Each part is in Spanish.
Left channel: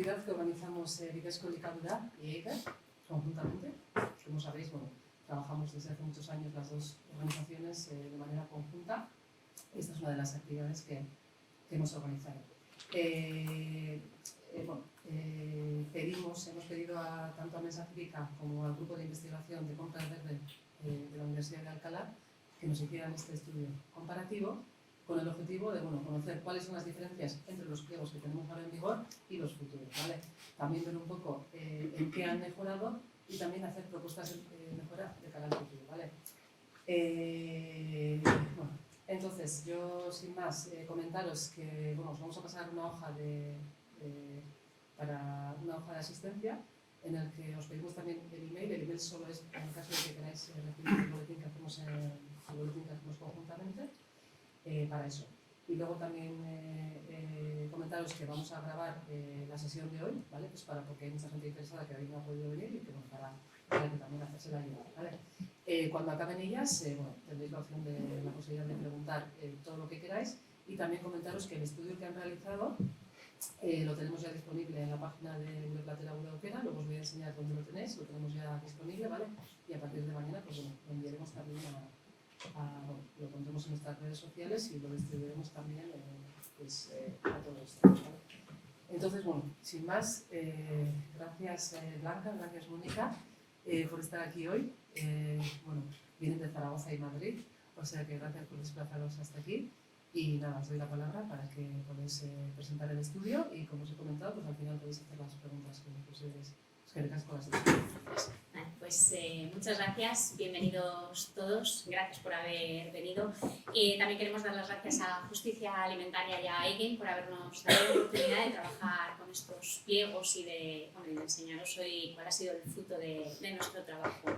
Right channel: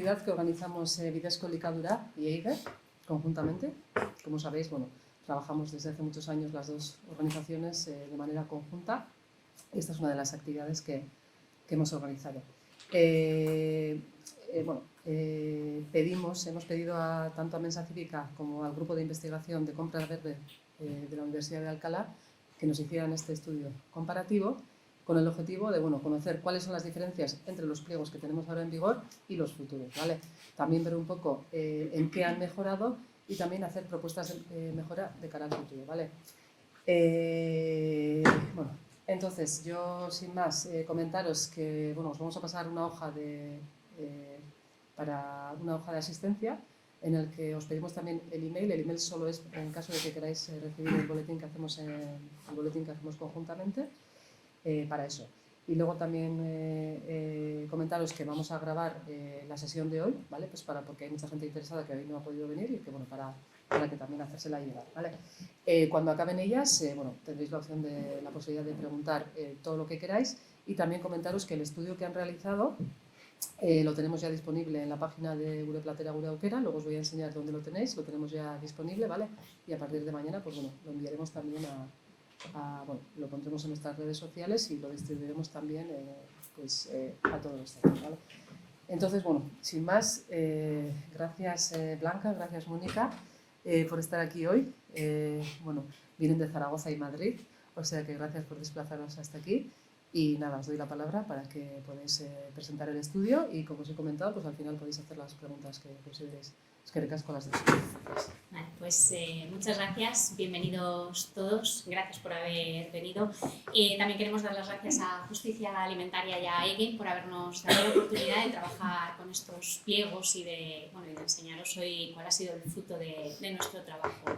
actividad que organizamos Bidesco Elikadura y EIGER conjuntamente. Como sabéis, bueno, trabajamos desde hace muchos años las dos organizaciones de manera conjunta. Esta es una de las actividades que hemos organizado. Hemos pedido tanto a Mensa Cívica como al Grupo de Investigación de Compra Verde de la Universidad de Alcalá que nos hicieran este estudio comparativo con el objetivo de conocer cuáles son las diferencias entre los pliegos que tenemos ahora en vigor y los futuros, ¿vale? También ver un poco en qué han mejorado y también hacer propuestas de mejora de cara al futuro, ¿vale? Entonces, yo sin más comentaros que os vamos a pasar una hoja para una hoja de asistencia en el que os pedimos también el email. El email solo es en caso de que queráis recibir el boletín que hacemos conjuntamente para eso. Y luego también comentaros que vamos a grabar la sesión de hoy, ¿vale? Pues porque hay mucha gente interesada que hoy no ha podido venir y que para que también hacerse la ayuda, ¿vale? Cuando acaben ellas, tendréis la opción de la posibilidad de preguntar todo lo que queráis y también comentaros que el estudio que han realizado lo tenemos ya disponible en la página de Gure Platera Gure Aukera. Luego os voy a enseñar dónde lo tenéis, lo tenemos ya disponible, ¿vale? Y a partir de mañana pues lo enviaremos también lo pondremos en nuestras redes sociales y lo distribuiremos también a todos los centros, ¿vale? Entonces, sin más, gracias Blanca, gracias Mónica por estar aquí hoy. Vienen de Zaragoza y Madrid, o sea que gracias por desplazaros hasta aquí. Y nada, os doy la palabra para que podáis presentar el estudio y, como os he comentado, pues al final podéis hacer las preguntas que consideréis. Es que recas con las discusiones. Vale, pues muchas gracias, bienvenidos todos, gracias por haber venido. También queremos dar las gracias a Justicia Alimentaria y a EGE por habernos dado la oportunidad de trabajar con estos pliegos y de enseñaros hoy cuál ha sido el fruto de nuestro trabajo.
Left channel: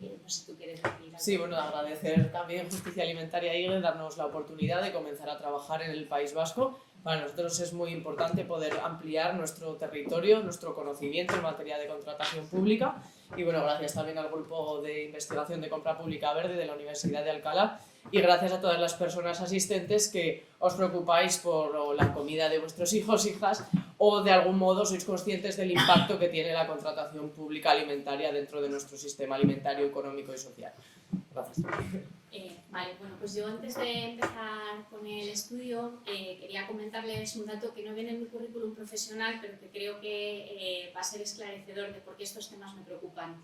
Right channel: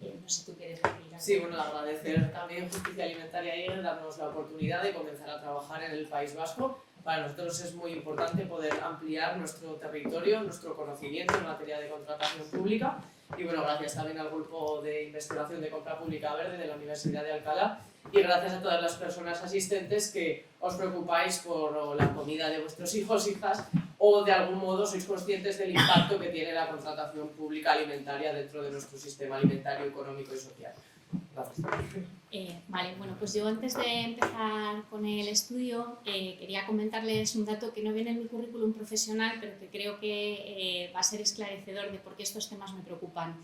No sé si tú quieres decir algo. Sí, agradecer también Justicia Alimentaria y darnos la oportunidad de comenzar a trabajar en el País Vasco. Para nosotros es muy importante poder ampliar nuestro territorio, nuestro conocimiento en materia de contratación pública. Y gracias también al Grupo de Investigación de Compra Pública Verde de la Universidad de Alcalá y gracias a todas las personas asistentes que os preocupáis por la comida de vuestros hijos, hijas o de algún modo sois conscientes del impacto que tiene la contratación pública alimentaria dentro de nuestro sistema alimentario, económico y social. Gracias. Pues yo antes de empezar con el estudio quería comentarles un dato que no viene en mi currículum profesional, pero que creo que va a ser esclarecedor de por qué estos temas me preocupan.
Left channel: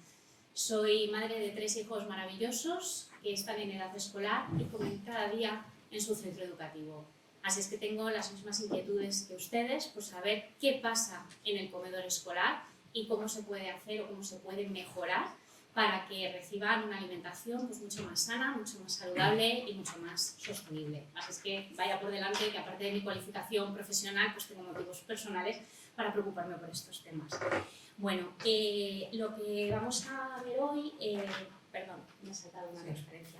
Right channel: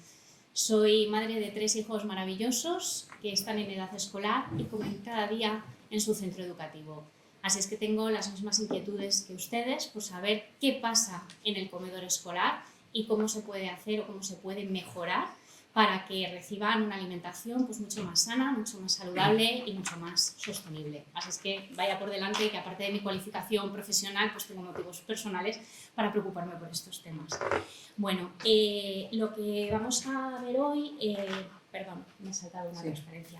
Soy madre de 3 hijos maravillosos que están en edad escolar y comen cada día en su centro educativo. Así es que tengo las mismas inquietudes que ustedes por saber qué pasa en el comedor escolar y cómo se puede hacer o cómo se puede mejorar para que reciban una alimentación mucho más sana, mucho más saludable y mucho más sostenible. Así es que vaya por delante que aparte de mi cualificación profesional, tengo motivos personales para preocuparme por estos temas. Lo que vamos a ver hoy... Perdón, me he saltado una transferencia.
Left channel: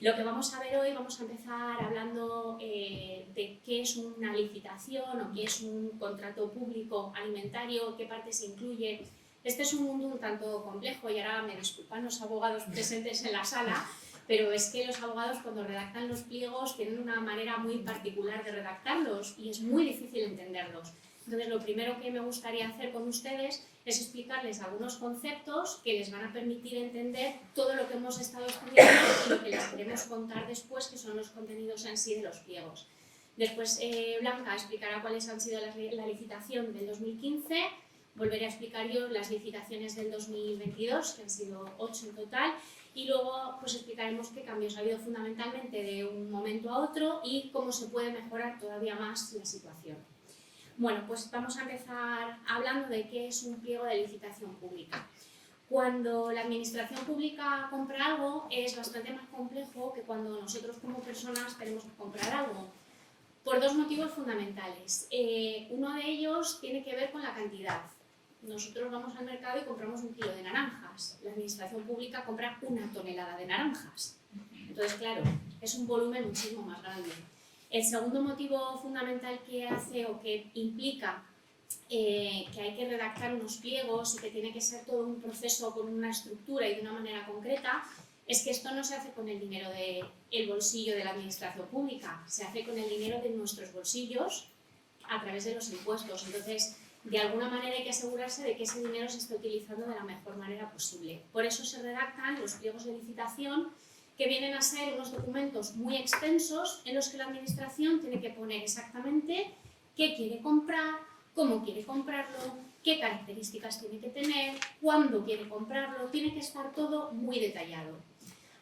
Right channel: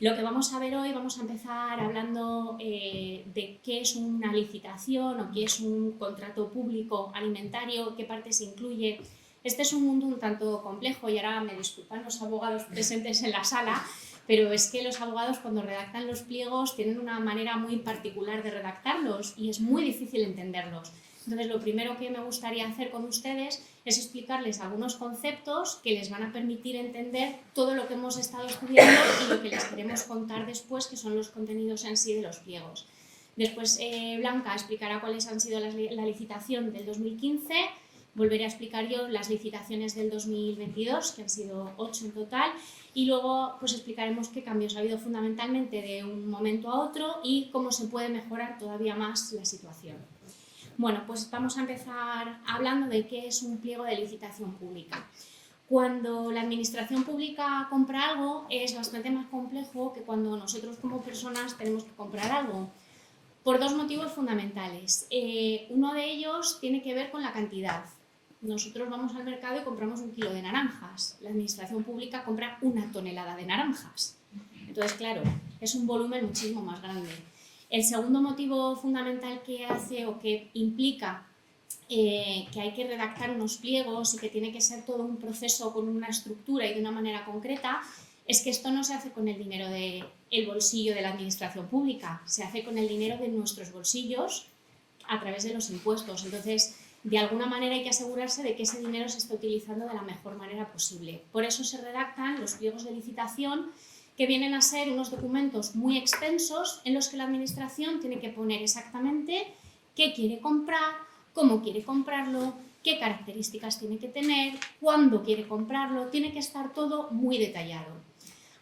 Lo que vamos a ver hoy, vamos a empezar hablando de qué es una licitación o qué es un contrato público alimentario, qué partes incluye. Este es un mundo un tanto complejo y ahora me disculpan los abogados presentes en la sala, pero es que los abogados cuando redactan los pliegos tienen una manera muy particular de redactarlos y es muy difícil entenderlos. Entonces, lo primero que me gustaría hacer con ustedes es explicarles algunos conceptos que les van a permitir entender todo lo que hemos estado estudiando y lo que les queremos contar después, que son los contenidos en sí de los pliegos. Después, Blanca explicará cuáles han sido la licitación del 2015, volveré a explicar yo las licitaciones del 2022, que han sido 8 en total, y luego explicaremos qué cambios ha habido fundamentalmente de un momento a otro y cómo se puede mejorar todavía más la situación. Vamos a empezar hablando de qué es un pliego de licitación pública. Cuando la administración pública compra algo es bastante más complejo que cuando nosotros como personas tenemos que comprar algo, por 2 motivos fundamentales. Uno de ellos tiene que ver con la cantidad. Nosotros vamos al mercado y compramos 1 kilo de naranjas. La administración pública compra 1 tonelada de naranjas. Entonces, claro, es un volumen muchísimo más grande. El segundo motivo fundamental que hace o que implica que hay que redactar unos pliegos y que tiene que ser todo un proceso con una estructura y de una manera concreta es que esto no se hace con el dinero del bolsillo de la administración pública, se hace con el dinero de nuestros bolsillos a través de los impuestos. Entonces, de alguna manera hay que asegurarse de que ese dinero se esté utilizando de la mejor manera posible. Por eso se redactan los pliegos de licitación, que vienen a ser unos documentos muy extensos en los que la administración tiene que poner exactamente qué quiere comprar, cómo quiere comprarlo, qué características tiene que tener, cuándo quiere comprarlo, tiene que estar todo muy detallado.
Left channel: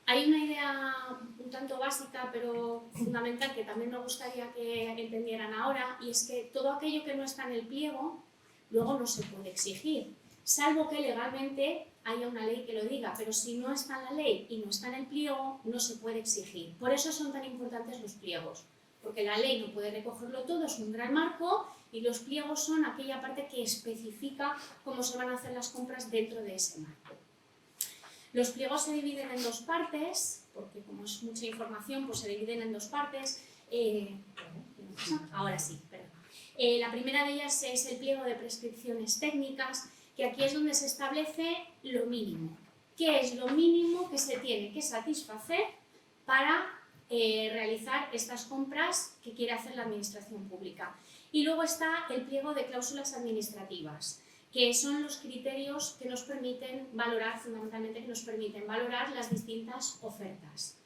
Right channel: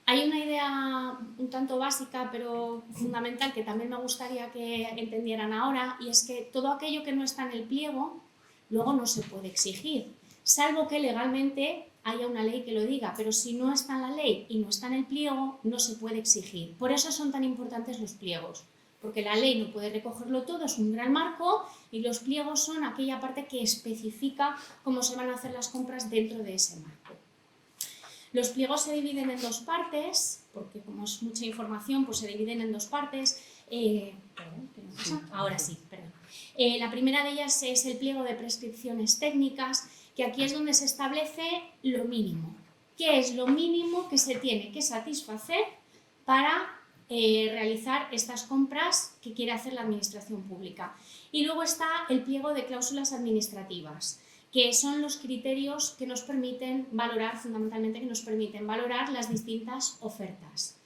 Hay una idea un tanto básica pero fundamental que también me gustaría que entendieran ahora, y es que todo aquello que no está en el pliego luego no se puede exigir, salvo que legalmente haya una ley que lo diga, pero si no está en la ley y no está en el pliego, no se puede exigir. Por eso son tan importantes los pliegos, porque la ley no puede recogerlo todo, es un gran marco, y los pliegos son aquella parte que especifica cómo se van a hacer las compras dentro de ese marco. Los pliegos se dividen en dos partes, porque como es mucha información, pues se dividen en dos partes. Ahora sí, perdón. La primera de ellas es el pliego de prescripciones técnicas, que aquí es donde se establece lo mínimo. ¿Qué es lo mínimo que se tiene que satisfacer para realizar estas compras que quiere hacer la administración pública? Y luego está el pliego de cláusulas administrativas, que son los criterios que nos permiten valorar, fundamentalmente que nos permiten valorar las distintas ofertas.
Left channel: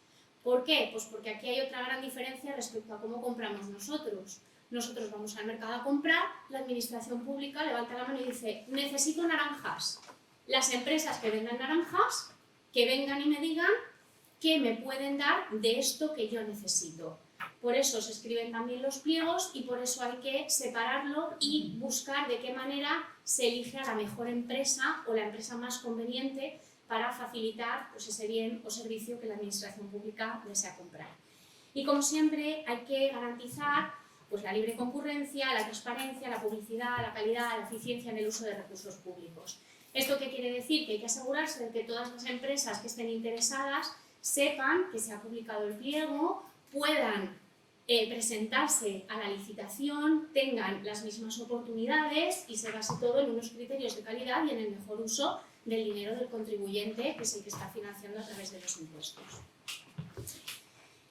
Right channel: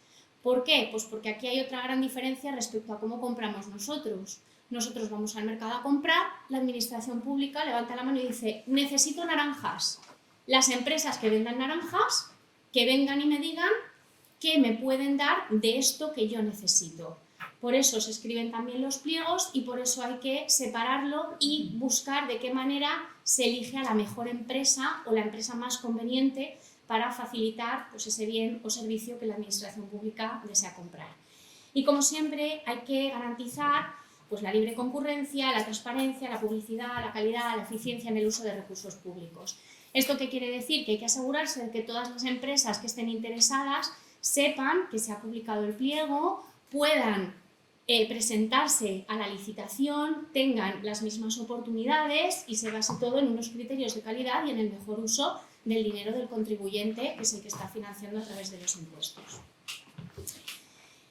¿Por qué? Pues porque aquí hay otra gran diferencia respecto a cómo compramos nosotros. Nosotros vamos al mercado a comprar, la administración pública levanta la mano y dice: necesito naranjas. Las empresas que vendan naranjas, que vengan y me digan qué me pueden dar de esto que yo necesito. Por eso se escriben también los pliegos y por eso hay que separarlo y buscar de qué manera se elige a la mejor empresa o la empresa más conveniente para facilitar pues, ese bien o servicio que la administración pública desea comprar. Y como siempre hay que garantizar pues, la libre concurrencia, la transparencia, la publicidad, la calidad, la eficiencia en el uso de recursos públicos. ¿Esto qué quiere decir? Que hay que asegurarse de que todas las empresas que estén interesadas sepan que se ha publicado el pliego, puedan presentarse a la licitación, tengan las mismas oportunidades y se base todo en unos criterios de calidad y en el mejor uso del dinero del contribuyente, que es el que está financiando a través de los impuestos.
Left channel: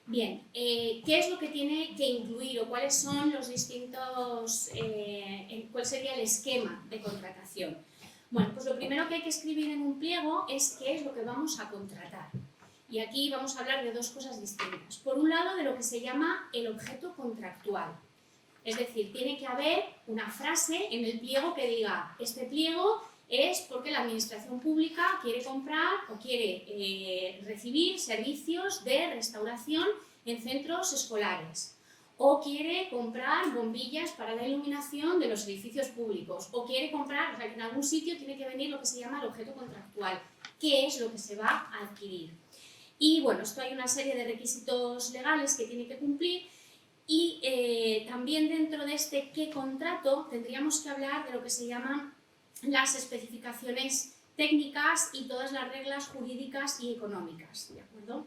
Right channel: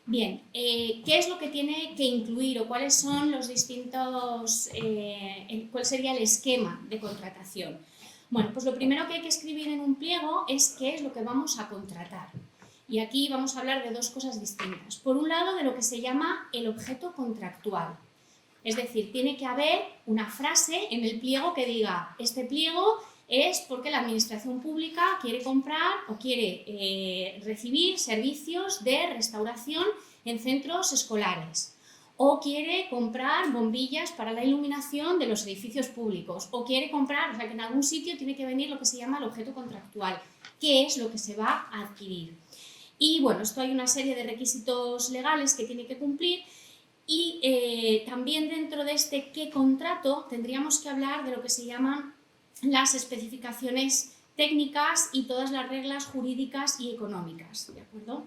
Bien, ¿qué es lo que tiene que incluir o cuáles son los distintos, cuál sería el esquema de contratación? Bueno, pues lo primero que hay que escribir en un pliego es qué es lo que vamos a contratar. Y aquí vamos a hablar de dos cosas distintas. Por un lado, de lo que se llama el objeto contractual. Es decir, tiene que haber una frase en el pliego que diga: este pliego es porque la administración pública quiere comprar o quiere recibir servicios de restauración en centros escolares, o quiere comprar bombillas para la iluminación de los edificios públicos, o quiere comprar, o sea que en algún sitio tiene que venir lo que se llama el objeto contractual, qué es lo que se va a adquirir. Y bueno, esto hay una serie de requisitos legales que tiene que cumplir y también dentro de este qué contrato tendríamos que hablar de lo que se llaman las especificaciones técnicas y todas las reglas jurídicas y económicas, ¿de acuerdo?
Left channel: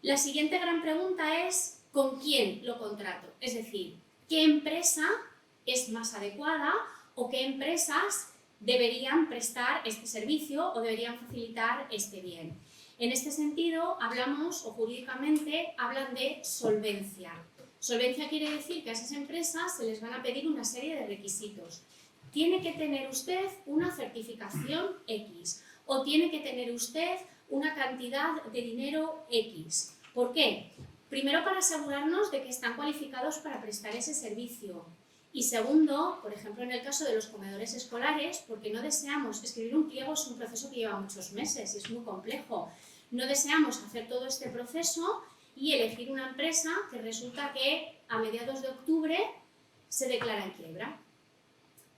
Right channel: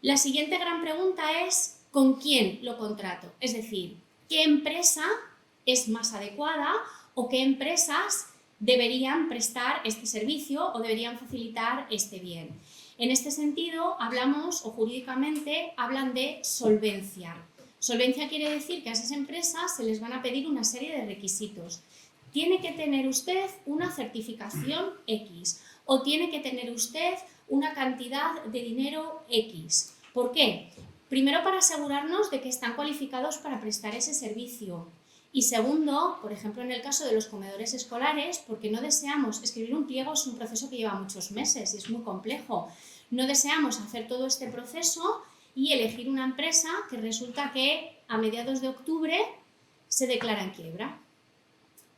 La siguiente gran pregunta es ¿con quién lo contrato? Es decir, ¿qué empresa es más adecuada o qué empresas deberían prestar este servicio o deberían facilitar este bien? En este sentido, hablamos, o jurídicamente, hablan de solvencia. Solvencia quiere decir que a esas empresas se les van a pedir una serie de requisitos. Tiene que tener usted una certificación X o tiene que tener usted una cantidad de dinero X. ¿Por qué? Primero, para asegurarnos de que están cualificados para prestar ese servicio. Y segundo, por ejemplo, en el caso de los comedores escolares, porque no deseamos escribir un pliego, es un proceso que lleva muchos meses y es muy complejo. No deseamos hacer todo este proceso y elegir una empresa que resulta que a mediados de octubre se declara en quiebra.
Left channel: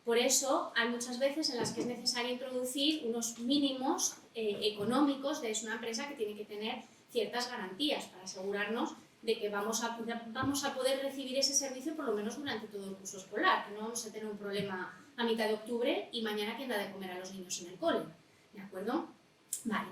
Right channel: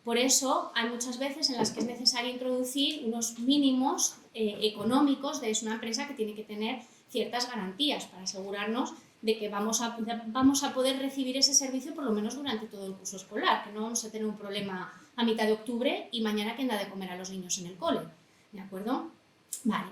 Por eso hay muchas veces en las que es necesario introducir unos mínimos económicos de una empresa que tiene que tener ciertas garantías para asegurarnos de que vamos a poder recibir ese servicio por lo menos durante todo el curso escolar, que no vamos a tener un problema a mitad de octubre y mañana quién da de comer a los niños en el cole, ¿de acuerdo? Vale.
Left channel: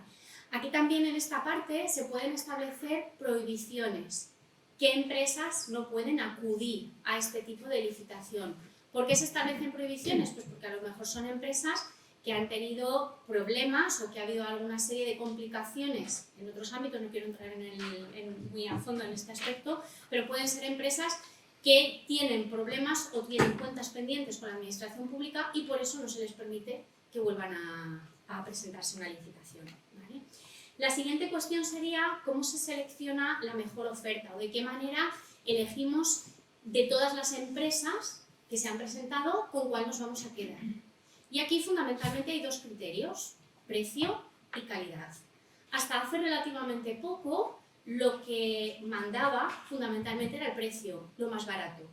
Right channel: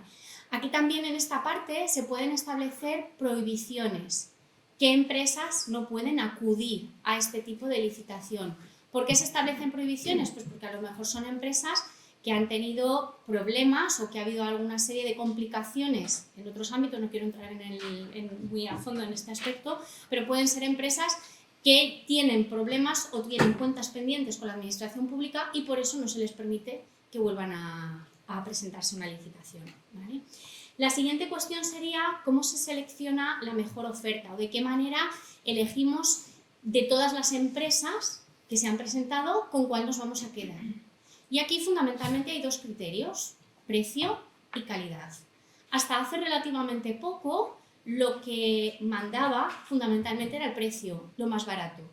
Aquí también en esta parte se pueden establecer prohibiciones. ¿Qué empresas no pueden acudir a este tipo de licitación? ¿Por qué se establecen prohibiciones? Pues porque a lo mejor son empresas que han tenido problemas o que ha habido alguna serie de complicaciones en otros ámbitos, no quiero entrar muy a fondo en este aspecto, pero pueden ser empresas que tienen problemas o tienen cuentas pendientes con la administración pública y por eso no se les permite que vuelvan a presentarse una licitación, ¿vale? La siguiente cuestión sería cómo se selecciona la mejor oferta o de qué manera elegimos de todas las empresas que se han presentado con cuál nos vamos a quedar. Y aquí fundamentalmente hay dos criterios, precio y calidad. Hasta hace relativamente poco lo que mandaba fundamentalmente era el precio, lo más barato.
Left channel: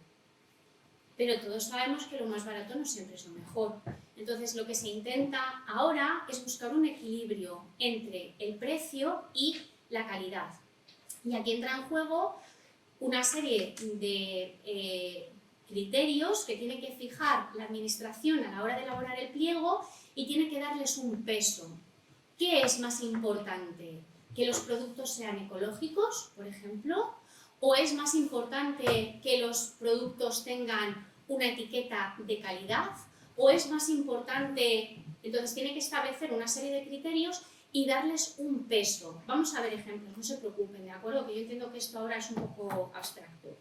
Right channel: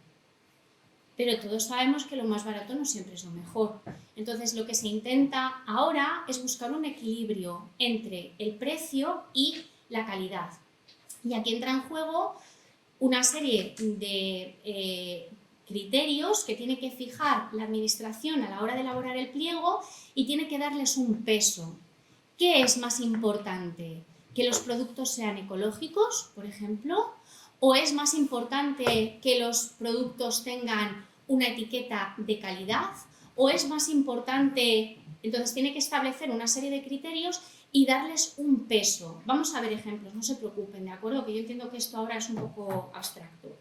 Pero todos sabemos que lo más barato no siempre es lo mejor. Entonces lo que se intenta ahora es buscar un equilibrio entre el precio y la calidad. Y aquí entra en juego una serie de criterios que tiene que fijar la administración a la hora de elaborar el pliego y tiene que darles un peso. ¿Qué es más importante? ¿Que los productos sean ecológicos, por ejemplo? ¿O es más importante que los productos tengan una etiqueta de calidad? ¿O es más importante? Entonces tiene que establecer una serie de criterios y darles un peso. Vamos a ver ejemplos, no se preocupen, ¿de acuerdo? Que yo entiendo que esto ahora es un poco abstracto.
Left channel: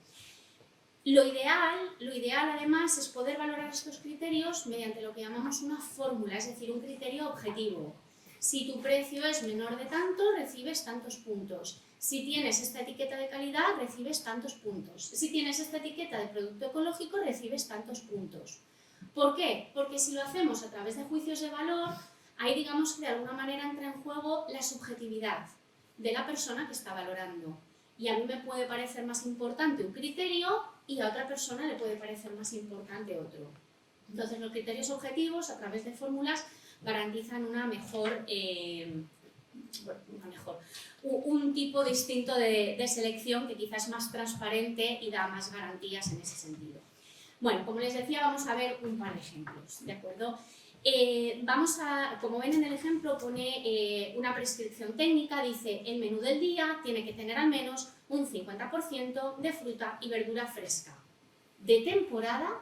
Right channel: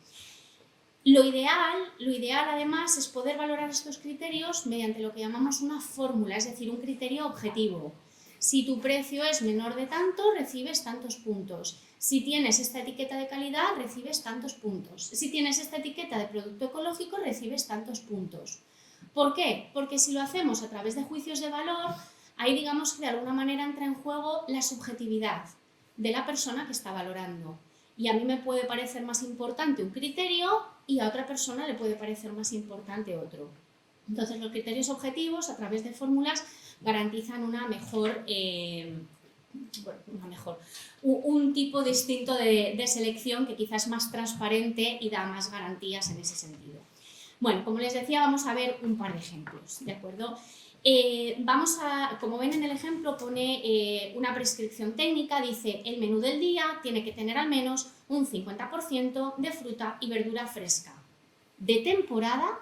Lo ideal además es poder valorar estos criterios mediante lo que llamamos una fórmula, es decir, un criterio objetivo. Si tu precio es menor de tanto, recibes tantos puntos. Si tienes esta etiqueta de calidad, recibes tantos puntos. Si tienes esta etiqueta de producto ecológico, recibes tantos puntos. ¿Por qué? Porque si lo hacemos a través de juicios de valor, ahí digamos que de alguna manera entra en juego la subjetividad de la persona que está valorando. Y a mí me puede parecer más importante un criterio y a otra persona le puede parecer más importante otro. Entonces los criterios objetivos a través de fórmulas garantizan un tipo distinto de selección que quizás es más transparente y da más garantías en ese sentido. Bueno, como les decía, vamos a ver un par de ejemplos, ¿de acuerdo? Como ven en el ejemplo, pone una prescripción técnica, dice el menú del día tiene que tener al menos un 50% de fruta y verdura fresca, de temporada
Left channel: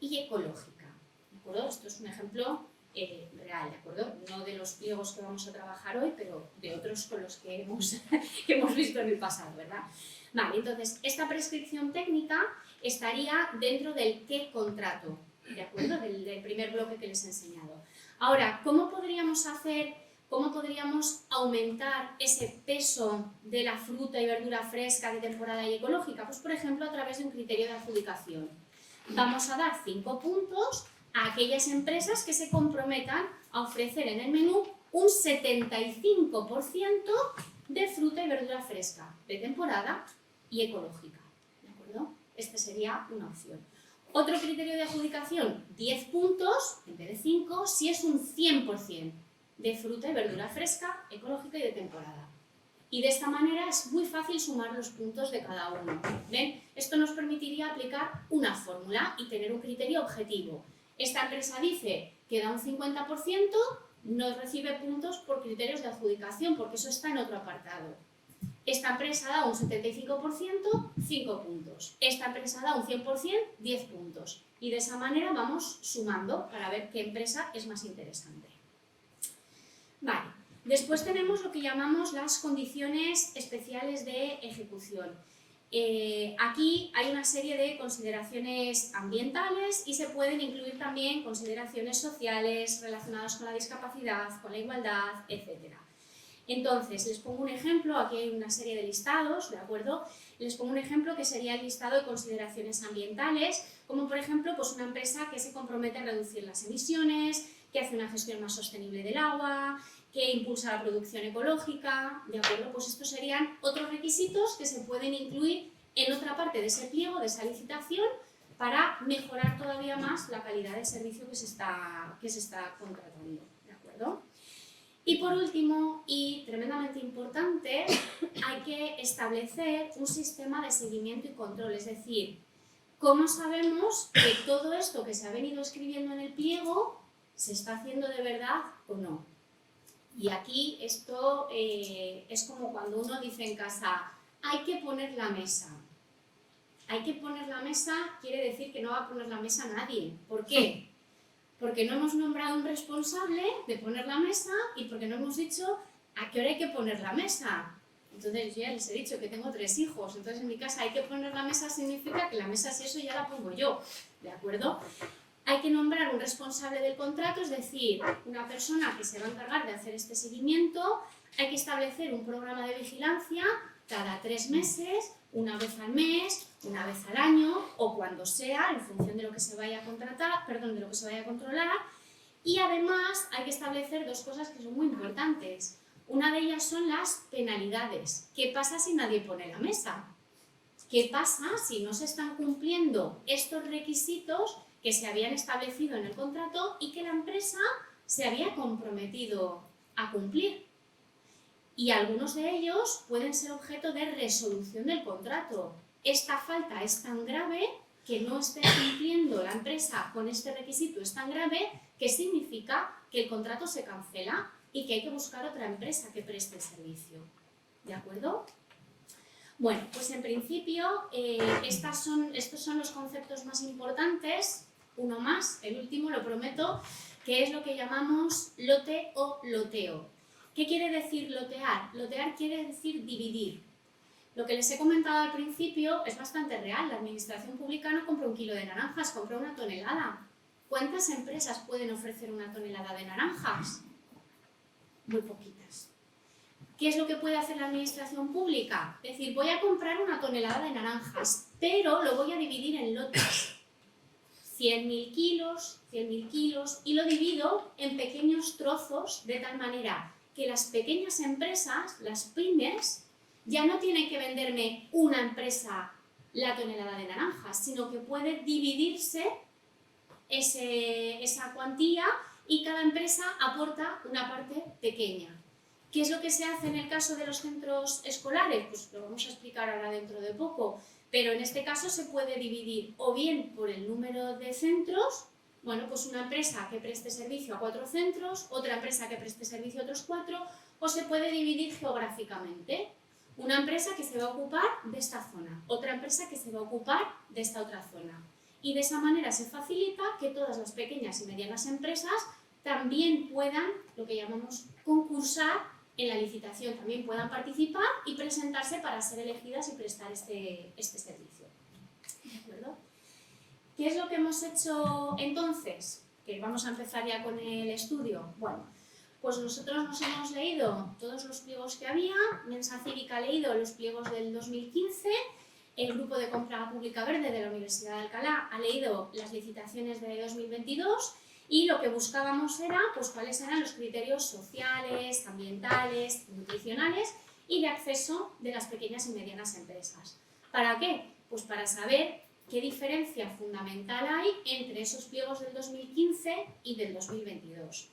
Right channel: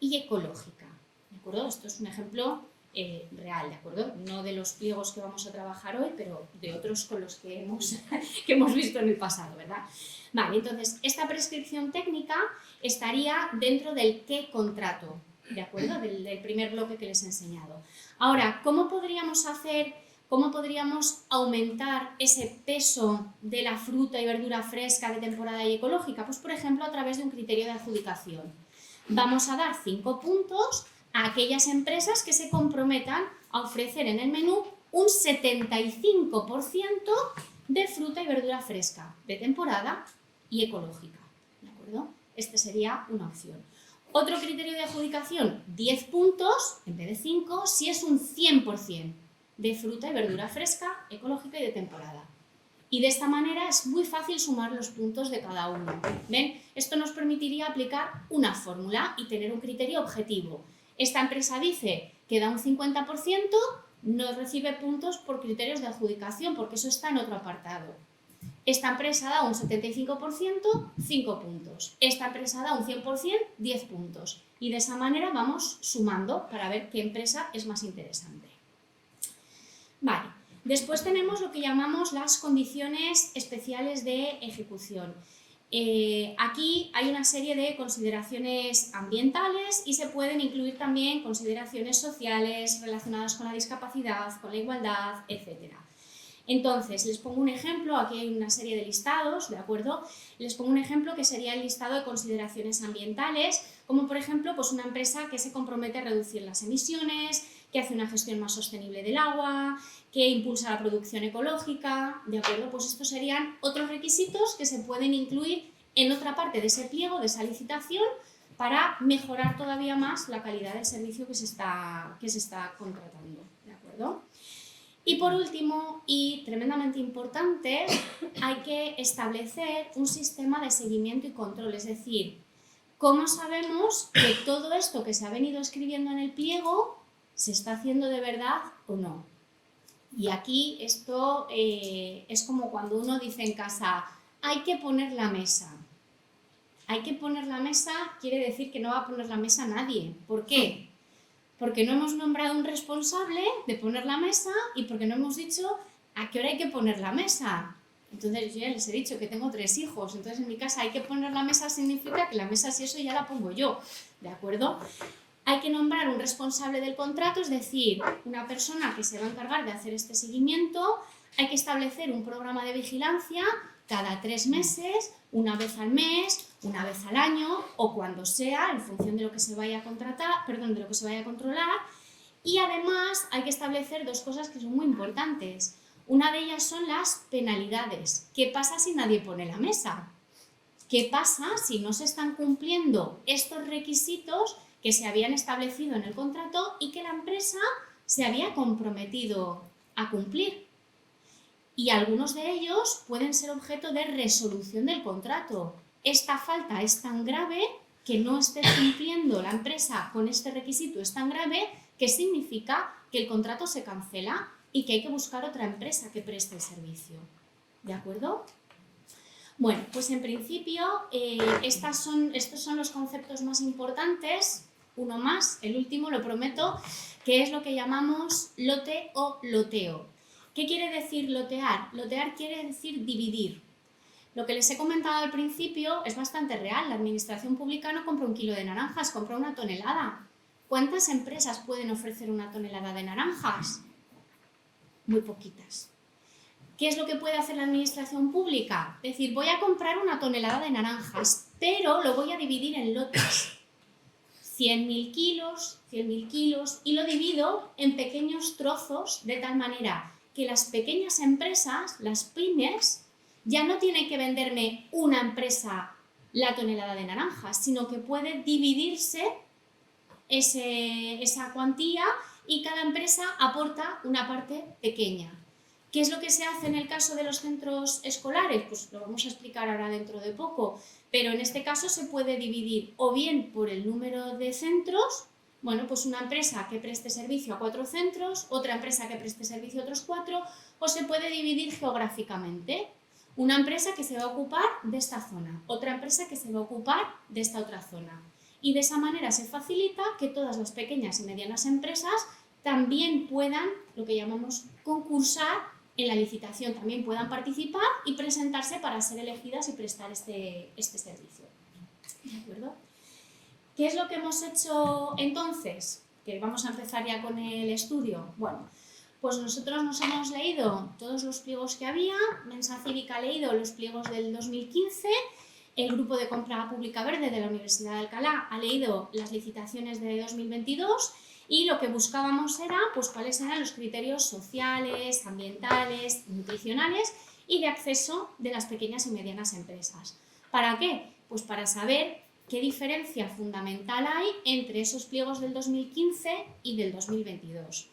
y ecológica, ¿de acuerdo? Esto es un ejemplo real, ¿de acuerdo? No de los pliegos que vamos a trabajar hoy, pero de otros con los que hemos visto en el pasado, ¿verdad? Vale, entonces, esta prescripción técnica estaría dentro del qué contrato, ¿de acuerdo? Del primer bloque que les he enseñado. Ahora, ¿cómo podríamos aumentar ese peso de la fruta y verdura fresca de temporada y ecológica? Pues, por ejemplo, a través de un criterio de adjudicación. Vamos a dar 5 puntos a aquellas empresas que se comprometan a ofrecer en el menú un 75% de fruta y verdura fresca de temporada y ecológica, ¿de acuerdo? Esta sería una opción. Otro criterio de adjudicación, 10 puntos en vez de 5, si es un 100% de fruta y verdura fresca, ecológica y de temporada. Y de esta manera es muy fácil sumar los puntos de cada uno. ¿Ven? Esto nos permitiría aplicar una fórmula y tener un criterio objetivo. Esta empresa dice que da un 50%, no recibe puntos por criterios de adjudicación, porque eso está en otro apartado. Esta empresa da un 75%, 5 puntos. Esta empresa da un 100%, 10 puntos. Y de esa manera vamos sumando para ver qué empresa es más interesante. Vale. Después tenemos lo que llamamos las condiciones especiales de ejecución. Aquí hay una serie de consideraciones ambientales y se pueden incluir también consideraciones sociales relacionadas con la discapacidad, con la igualdad, etc. Entonces, les pongo un ejemplo, aquí hay una serie de listados, ¿de acuerdo? Les pongo un ejemplo que sería el listado de consideraciones ambientales, como por ejemplo pues una empresa que se compromete a reducir las emisiones, que hace una gestión más sostenible del agua, que impulsa la producción ecológica, ¿de acuerdo? Pues estos serían otros requisitos que se pueden incluir en otra parte de ese pliego, de esa licitación, para mejorar todavía más la calidad del servicio que se está contratando, ¿de acuerdo? Y por último, y tremendamente importante, hay que establecer un sistema de seguimiento y control, es decir, ¿cómo sabemos que todo esto que se ha venido escribiendo en el pliego se está haciendo de verdad o no? Y aquí esto es como cuando uno dice en casa, hay que poner la mesa. Hay que poner la mesa quiere decir que no va a poner la mesa nadie. ¿Por qué? Porque no hemos nombrado un responsable de poner la mesa y porque no hemos dicho a qué hora hay que poner la mesa. Entonces yo ya les he dicho que tengo 3 hijos, entonces en mi casa hay que poner la mesa significa que la mesa si eso ya la pongo yo, ¿de acuerdo? Hay que nombrar un responsable del contrato, es decir, una persona que se va a encargar de hacer este seguimiento. Hay que establecer un programa de vigilancia cada 3 meses, una vez al mes, una vez al año o cuando sea, en función de lo que se vaya a contratar, perdón, de lo que se vaya a controlar. Y además hay que establecer 2 cosas que son muy importantes. Una de ellas son las penalidades. ¿Qué pasa si nadie pone la mesa? ¿Qué pasa si no se están cumpliendo estos requisitos que se habían establecido en el contrato y que la empresa se había comprometido a cumplir? Y algunos de ellos pueden ser objeto de resolución del contrato. Esta falta es tan grave que no esté cumpliendo la empresa con este requisito, es tan grave que significa que el contrato se cancela y que hay que buscar otra empresa que preste el servicio. ¿De acuerdo? Bueno, pues en principio estos son los conceptos más importantes. Uno más, el último, lo prometo, que es lo que llamamos lote o loteo. ¿Qué quiere decir lotear? Lotear quiere decir dividir. Lo que les he comentado al principio es bastante real. La administración pública no compra 1 kilo de naranjas, compra 1 tonelada. ¿Cuántas empresas pueden ofrecer 1 tonelada de naranjas? Muy poquitas. ¿Qué es lo que puede hacer la administración pública? Es decir, voy a comprar 1 tonelada de naranjas, pero lo voy a dividir en lotes. 100.000 kilos, y lo divido en pequeños trozos de tal manera que las pequeñas empresas, las pymes, ya no tienen que venderme una empresa la tonelada de naranjas, sino que puede dividirse esa cuantía y cada empresa aporta una parte pequeña. ¿Qué es lo que se hace en el caso de los centros escolares? Pues lo vamos a explicar ahora dentro de poco, pero en este caso se puede dividir o bien por el número de centros. Bueno, pues una empresa que preste servicio a 4 centros, otra empresa que preste servicio a otros 4, o se puede dividir geográficamente. Una empresa que se va a ocupar de esta zona, otra empresa que se va a ocupar de esta otra zona. Y de esa manera se facilita que todas las pequeñas y medianas empresas también puedan, lo que llamamos concursar en la licitación, también puedan participar y presentarse para ser elegidas y prestar este servicio. ¿De acuerdo? ¿Qué es lo que hemos hecho entonces? Que vamos a empezar ya con el estudio. Bueno, pues nosotros nos hemos leído todos los pliegos que había, Mensa Cívica ha leído los pliegos del 2015, el Grupo de Compra Pública Verde de la Universidad de Alcalá ha leído las licitaciones de 2022 y lo que buscábamos era pues, cuáles eran los criterios sociales, ambientales, nutricionales y de acceso de las pequeñas y medianas empresas. ¿Para qué? Pues para saber qué diferencia fundamental hay entre esos pliegos del 2015 y del 2022.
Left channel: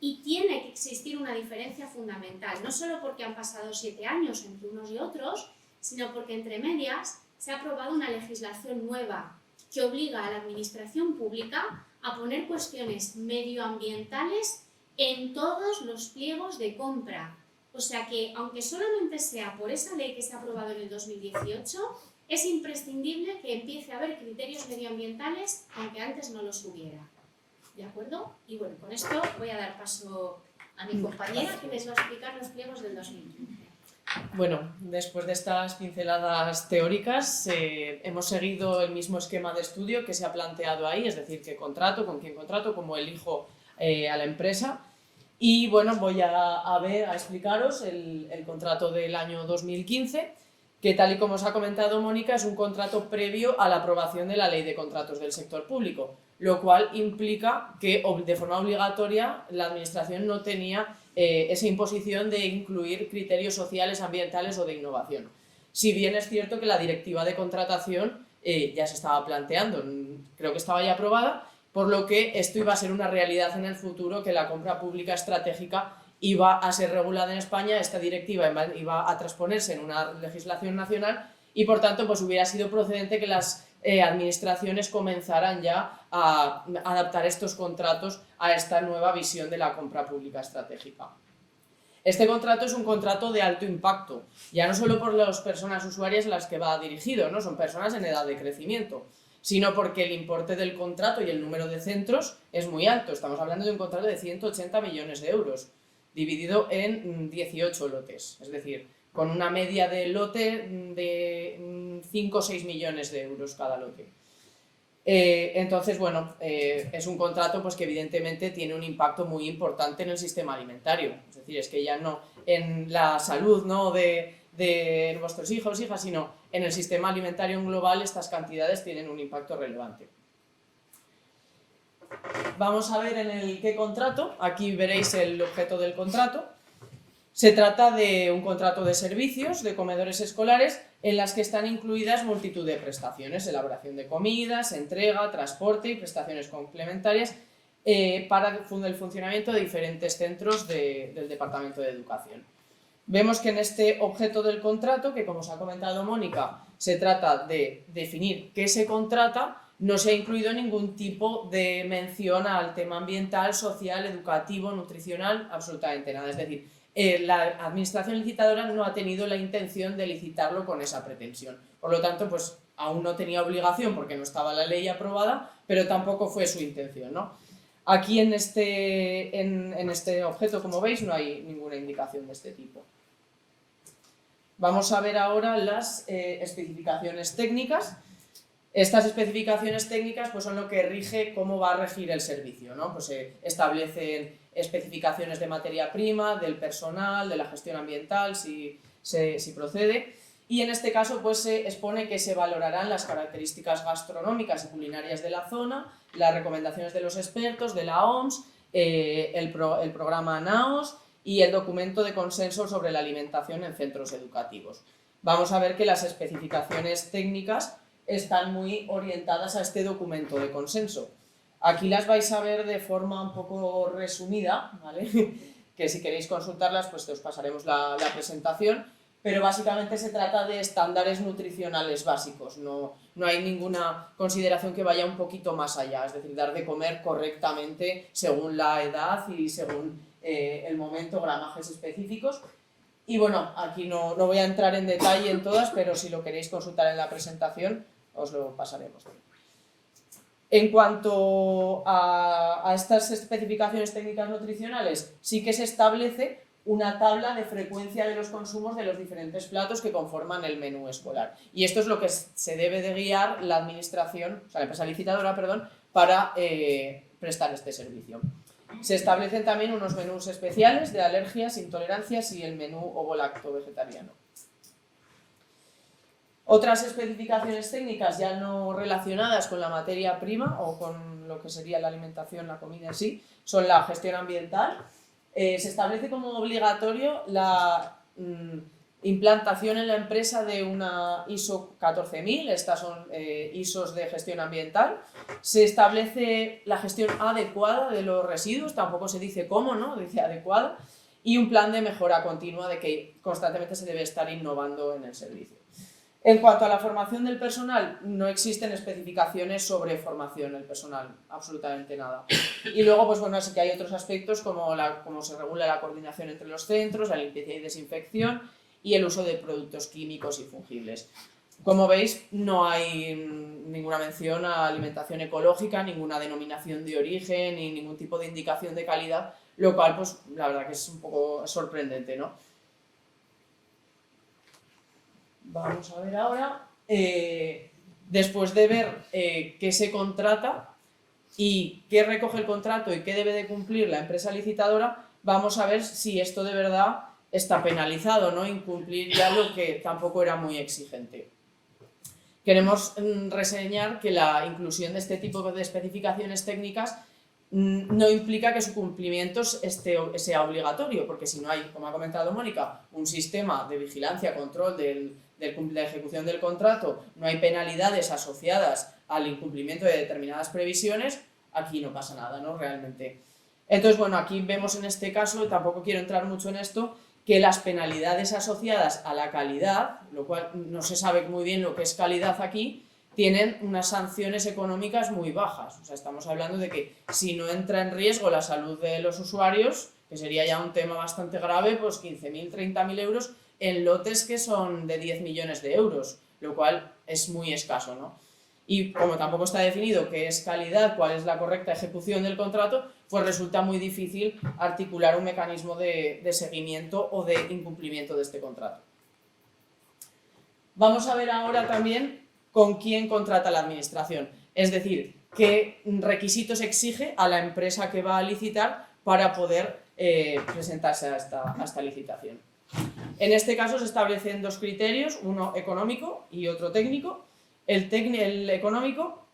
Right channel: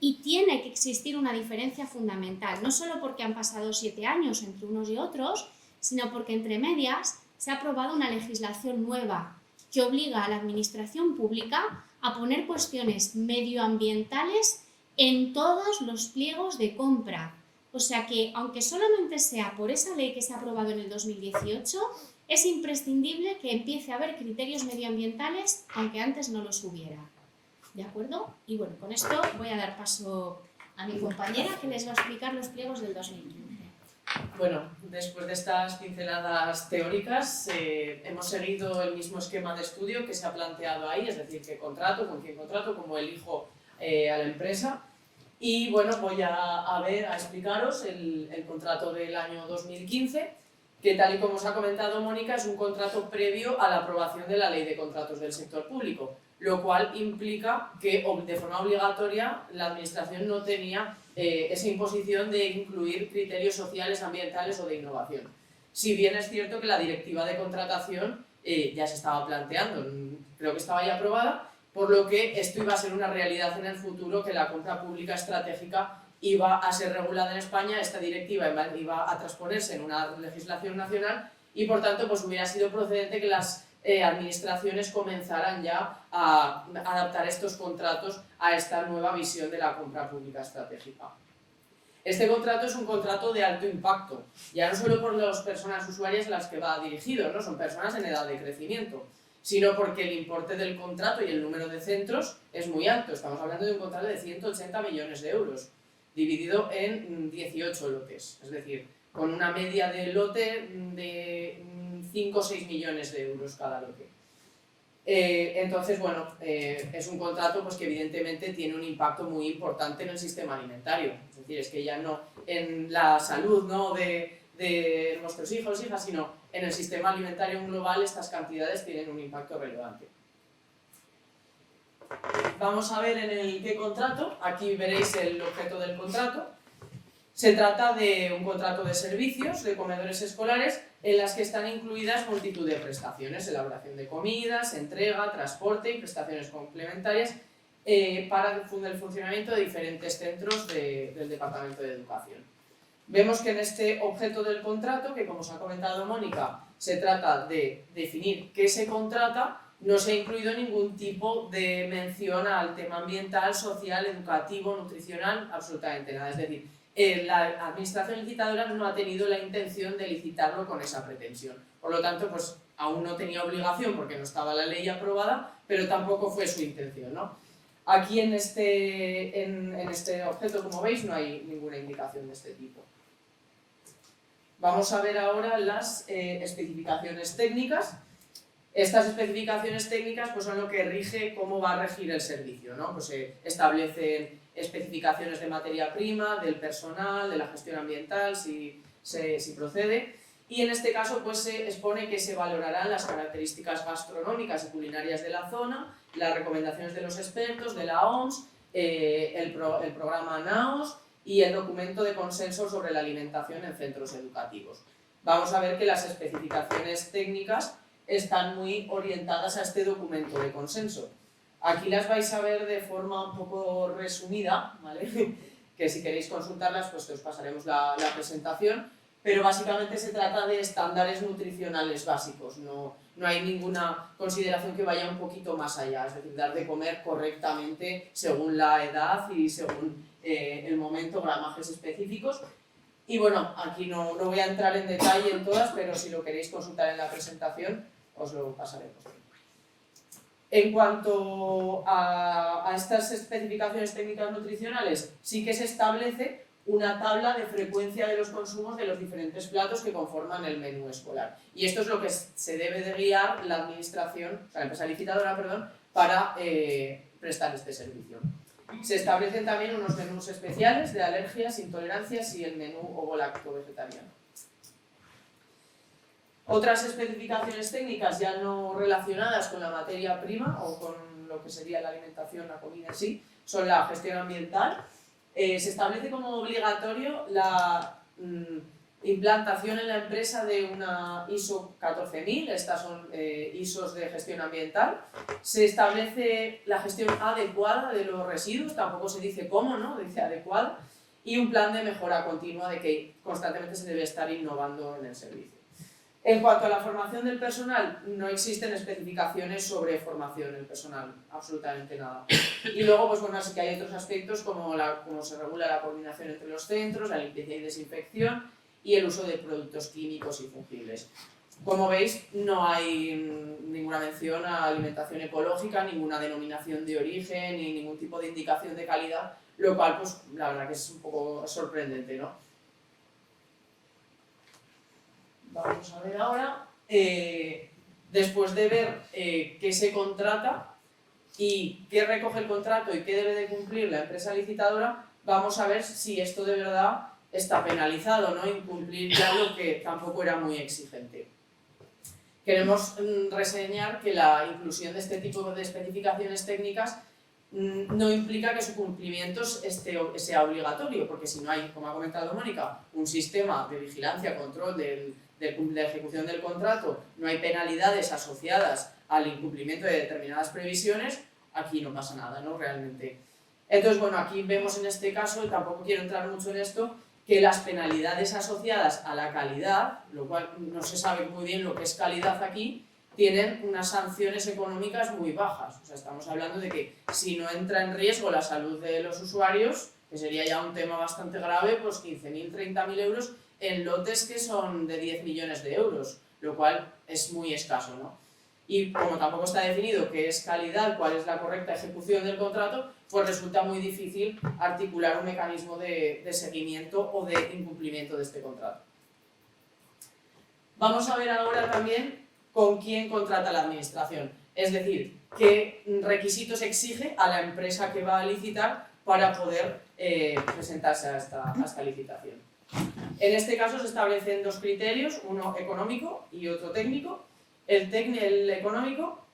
Y tiene que existir una diferencia fundamental, no solo porque han pasado 7 años entre unos y otros, sino porque entre medias se ha aprobado una legislación nueva que obliga a la administración pública a poner cuestiones medioambientales en todos los pliegos de compra. O sea que, aunque solamente sea por esa ley que se ha aprobado en el 2018, es imprescindible que empiece a haber criterios medioambientales, aunque antes no los hubiera. ¿De acuerdo? Y bueno, con esto voy a dar paso a mi compañera que les va a explicar los pliegos del 2015. Bueno, después de estas pinceladas teóricas, hemos seguido el mismo esquema de estudio que se ha planteado ahí, es decir, qué contrato, con quién contrato, cómo elijo a la empresa. Y bueno, voy a explicaros el contrato del año 2015, que tal y como os ha comentado Mónica, es un contrato previo a la aprobación de la Ley de Contratos del Sector Público, lo cual implica que de forma obligatoria la Administración no tenía esa imposición de incluir criterios sociales, ambientales o de innovación. Si bien es cierto que la directiva de contratación ya se estaba planteando, creo que estaba ya aprobada, por lo que esto iba a ser una realidad en el futuro, que la compra pública estratégica iba a ser regulada en España, esta directiva iba a transponerse en una legislación nacional y por tanto pues hubiera sido procedente que las administraciones comenzaran ya a adaptar estos contratos a esta nueva visión de la compra pública estratégica. Este contrato es un contrato de alto impacto, ya no solo por las personas usuarias a las que va dirigido, ¿no? Son personas en edad de crecimiento, sino porque el importe del contrato y el número de centros es muy alto. Estamos hablando de un contrato de 180 millones de euros, dividido en 18 lotes, es decir, con una media de lote de 5 o 6 millones de euros cada lote. Entonces, bueno, es un contrato pues, que evidentemente tiene un impacto muy importante en el sistema alimentario. Es decir, es que ya no en la salud, ¿no?, de vuestros hijos, hijas, sino en el sistema alimentario en global estas cantidades tienen un impacto relevante. Vamos a ver en el qué contrato. Aquí veréis el objeto del contrato. Se trata de un contrato de servicios de comedores escolares en las que están incluidas multitud de prestaciones, elaboración de comidas, entrega, transporte y prestaciones complementarias para el funcionamiento de diferentes centros del Departamento de Educación. Vemos que en este objeto del contrato, que como os ha comentado Mónica, se trata de definir qué se contrata, no se ha incluido ningún tipo de mención al tema ambiental, social, educativo, nutricional, absolutamente nada. Es decir, la administración licitadora no ha tenido la intención de licitarlo con esa pretensión. Por lo tanto, pues aún no tenía obligación porque no estaba la ley aprobada, pero tampoco fue su intención, ¿no? Aquí en este objeto, como veis, no hay ninguna indicación de este tipo. Vamos a ver ahora las especificaciones técnicas. Estas especificaciones técnicas pues, son lo que rige cómo va a regir el servicio, ¿no? Pues se establecen especificaciones de materia prima, del personal, de la gestión ambiental, si procede. Y en este caso pues, se expone que se valorarán las características gastronómicas y culinarias de la zona, las recomendaciones de los expertos, de la OMS, el programa NAOS y el documento de consenso sobre la alimentación en centros educativos. Vamos a ver que las especificaciones técnicas están muy orientadas a este documento de consenso. Aquí las vais a ver de forma un poco resumida, ¿vale? Que si queréis consultarlas, pues os pasaremos la presentación, pero básicamente se trata de estándares nutricionales básicos, no hay ninguna consideración que vaya un poquito más allá, es decir, dar de comer correctamente según la edad y según el momento, gramajes específicos. Y bueno, aquí no voy a entrar en detalle en todas, pero si lo queréis consultar en la presentación, os lo pasaremos. En cuanto a estas especificaciones técnicas nutricionales, sí que se establece una tabla de frecuencia de los consumos de los diferentes platos que conforman el menú escolar. Y esto es lo que se debe de guiar la administración, o sea, la empresa licitadora, perdón, para prestar este servicio. Se establecen también unos menús especiales de alergias, intolerancias y el menú ovo-lacto-vegetariano. Otras especificaciones técnicas ya no relacionadas con la materia prima o con lo que sería la alimentación, la comida en sí, son la gestión ambiental. Se establece como obligatorio la implantación en la empresa de una ISO 14000, estas son ISOs de gestión ambiental. Se establece la gestión adecuada de los residuos, tampoco se dice cómo, ¿no? Dice adecuada, y un plan de mejora continua de que constantemente se debe estar innovando en el servicio. En cuanto a la formación del personal, no existen especificaciones sobre formación del personal, absolutamente nada. Y luego, pues bueno, sí que hay otros aspectos como cómo se regula la coordinación entre los centros, la limpieza y desinfección y el uso de productos químicos y fungibles. Como veis, no hay ninguna mención a alimentación ecológica, ninguna denominación de origen ni ningún tipo de indicación de calidad, lo cual, pues la verdad que es un poco sorprendente, ¿no? Vamos a ver ahora, después de ver qué se contrata y qué recoge el contrato y qué debe de cumplir la empresa licitadora, vamos a ver si esto de verdad está penalizado, ¿no? Incumplir ya lo que tampoco era muy exigente. Queremos reseñar que la inclusión de este tipo de especificaciones técnicas no implica que su cumplimiento sea obligatorio, porque si no hay, como ha comentado Mónica, un sistema de vigilancia, control de ejecución del contrato, no hay penalidades asociadas al incumplimiento de determinadas previsiones, aquí no pasa nada, ¿no? Realmente. Entonces, bueno, aquí vemos en este caso, y tampoco quiero entrar mucho en esto, que las penalidades asociadas a la calidad, lo cual no se sabe muy bien lo que es calidad aquí, tienen unas sanciones económicas muy bajas. O sea, estamos hablando de que si no entra en riesgo la salud de los usuarios, que sería ya un tema bastante grave, pues 15.000, 30.000 euros en lotes que son de 10 millones de euros, lo cual es muy escaso, ¿no? Y como tampoco está definido qué es calidad, cuál es la correcta ejecución del contrato, pues resulta muy difícil articular un mecanismo de seguimiento o de incumplimiento de este contrato. Vamos a ver ahora también con quién contrata la administración, es decir, qué requisitos exige a la empresa que va a licitar para poder presentarse a esta licitación. En este caso se establecen dos criterios, uno económico y otro técnico. El económico,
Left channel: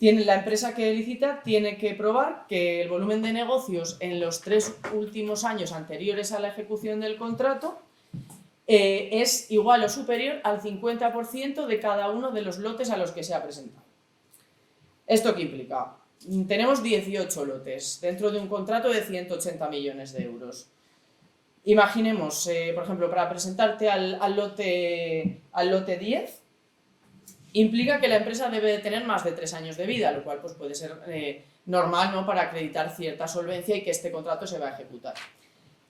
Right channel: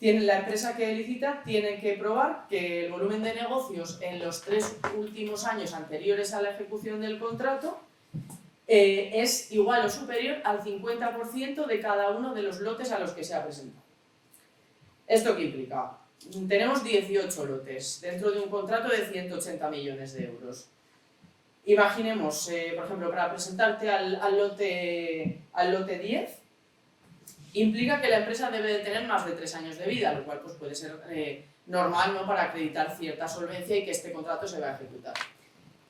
la empresa que licita tiene que probar que el volumen de negocios en los 3 últimos años anteriores a la ejecución del contrato es igual o superior al 50% de cada uno de los lotes a los que se ha presentado. ¿Esto qué implica? Tenemos 18 lotes dentro de un contrato de 180 millones de euros. Imaginemos, por ejemplo, para presentarte al lote 10, implica que la empresa debe de tener más de 3 años de vida, lo cual pues, puede ser normal, ¿no?, para acreditar cierta solvencia y que este contrato se va a ejecutar.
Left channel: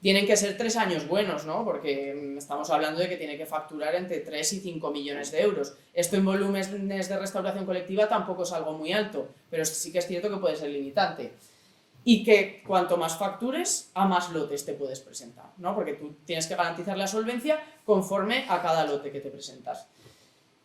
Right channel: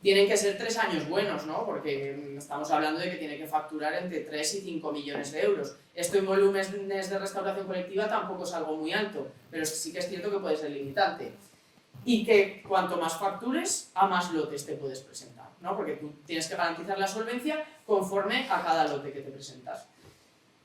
Tienen que ser 3 años buenos, ¿no?, porque estamos hablando de que tiene que facturar entre 3 y 5 millones de euros. Esto en volúmenes de restauración colectiva tampoco es algo muy alto, pero sí que es cierto que puede ser limitante. Y que cuanto más factures, a más lotes te puedes presentar, ¿no?, porque tú tienes que garantizar la solvencia conforme a cada lote que te presentas.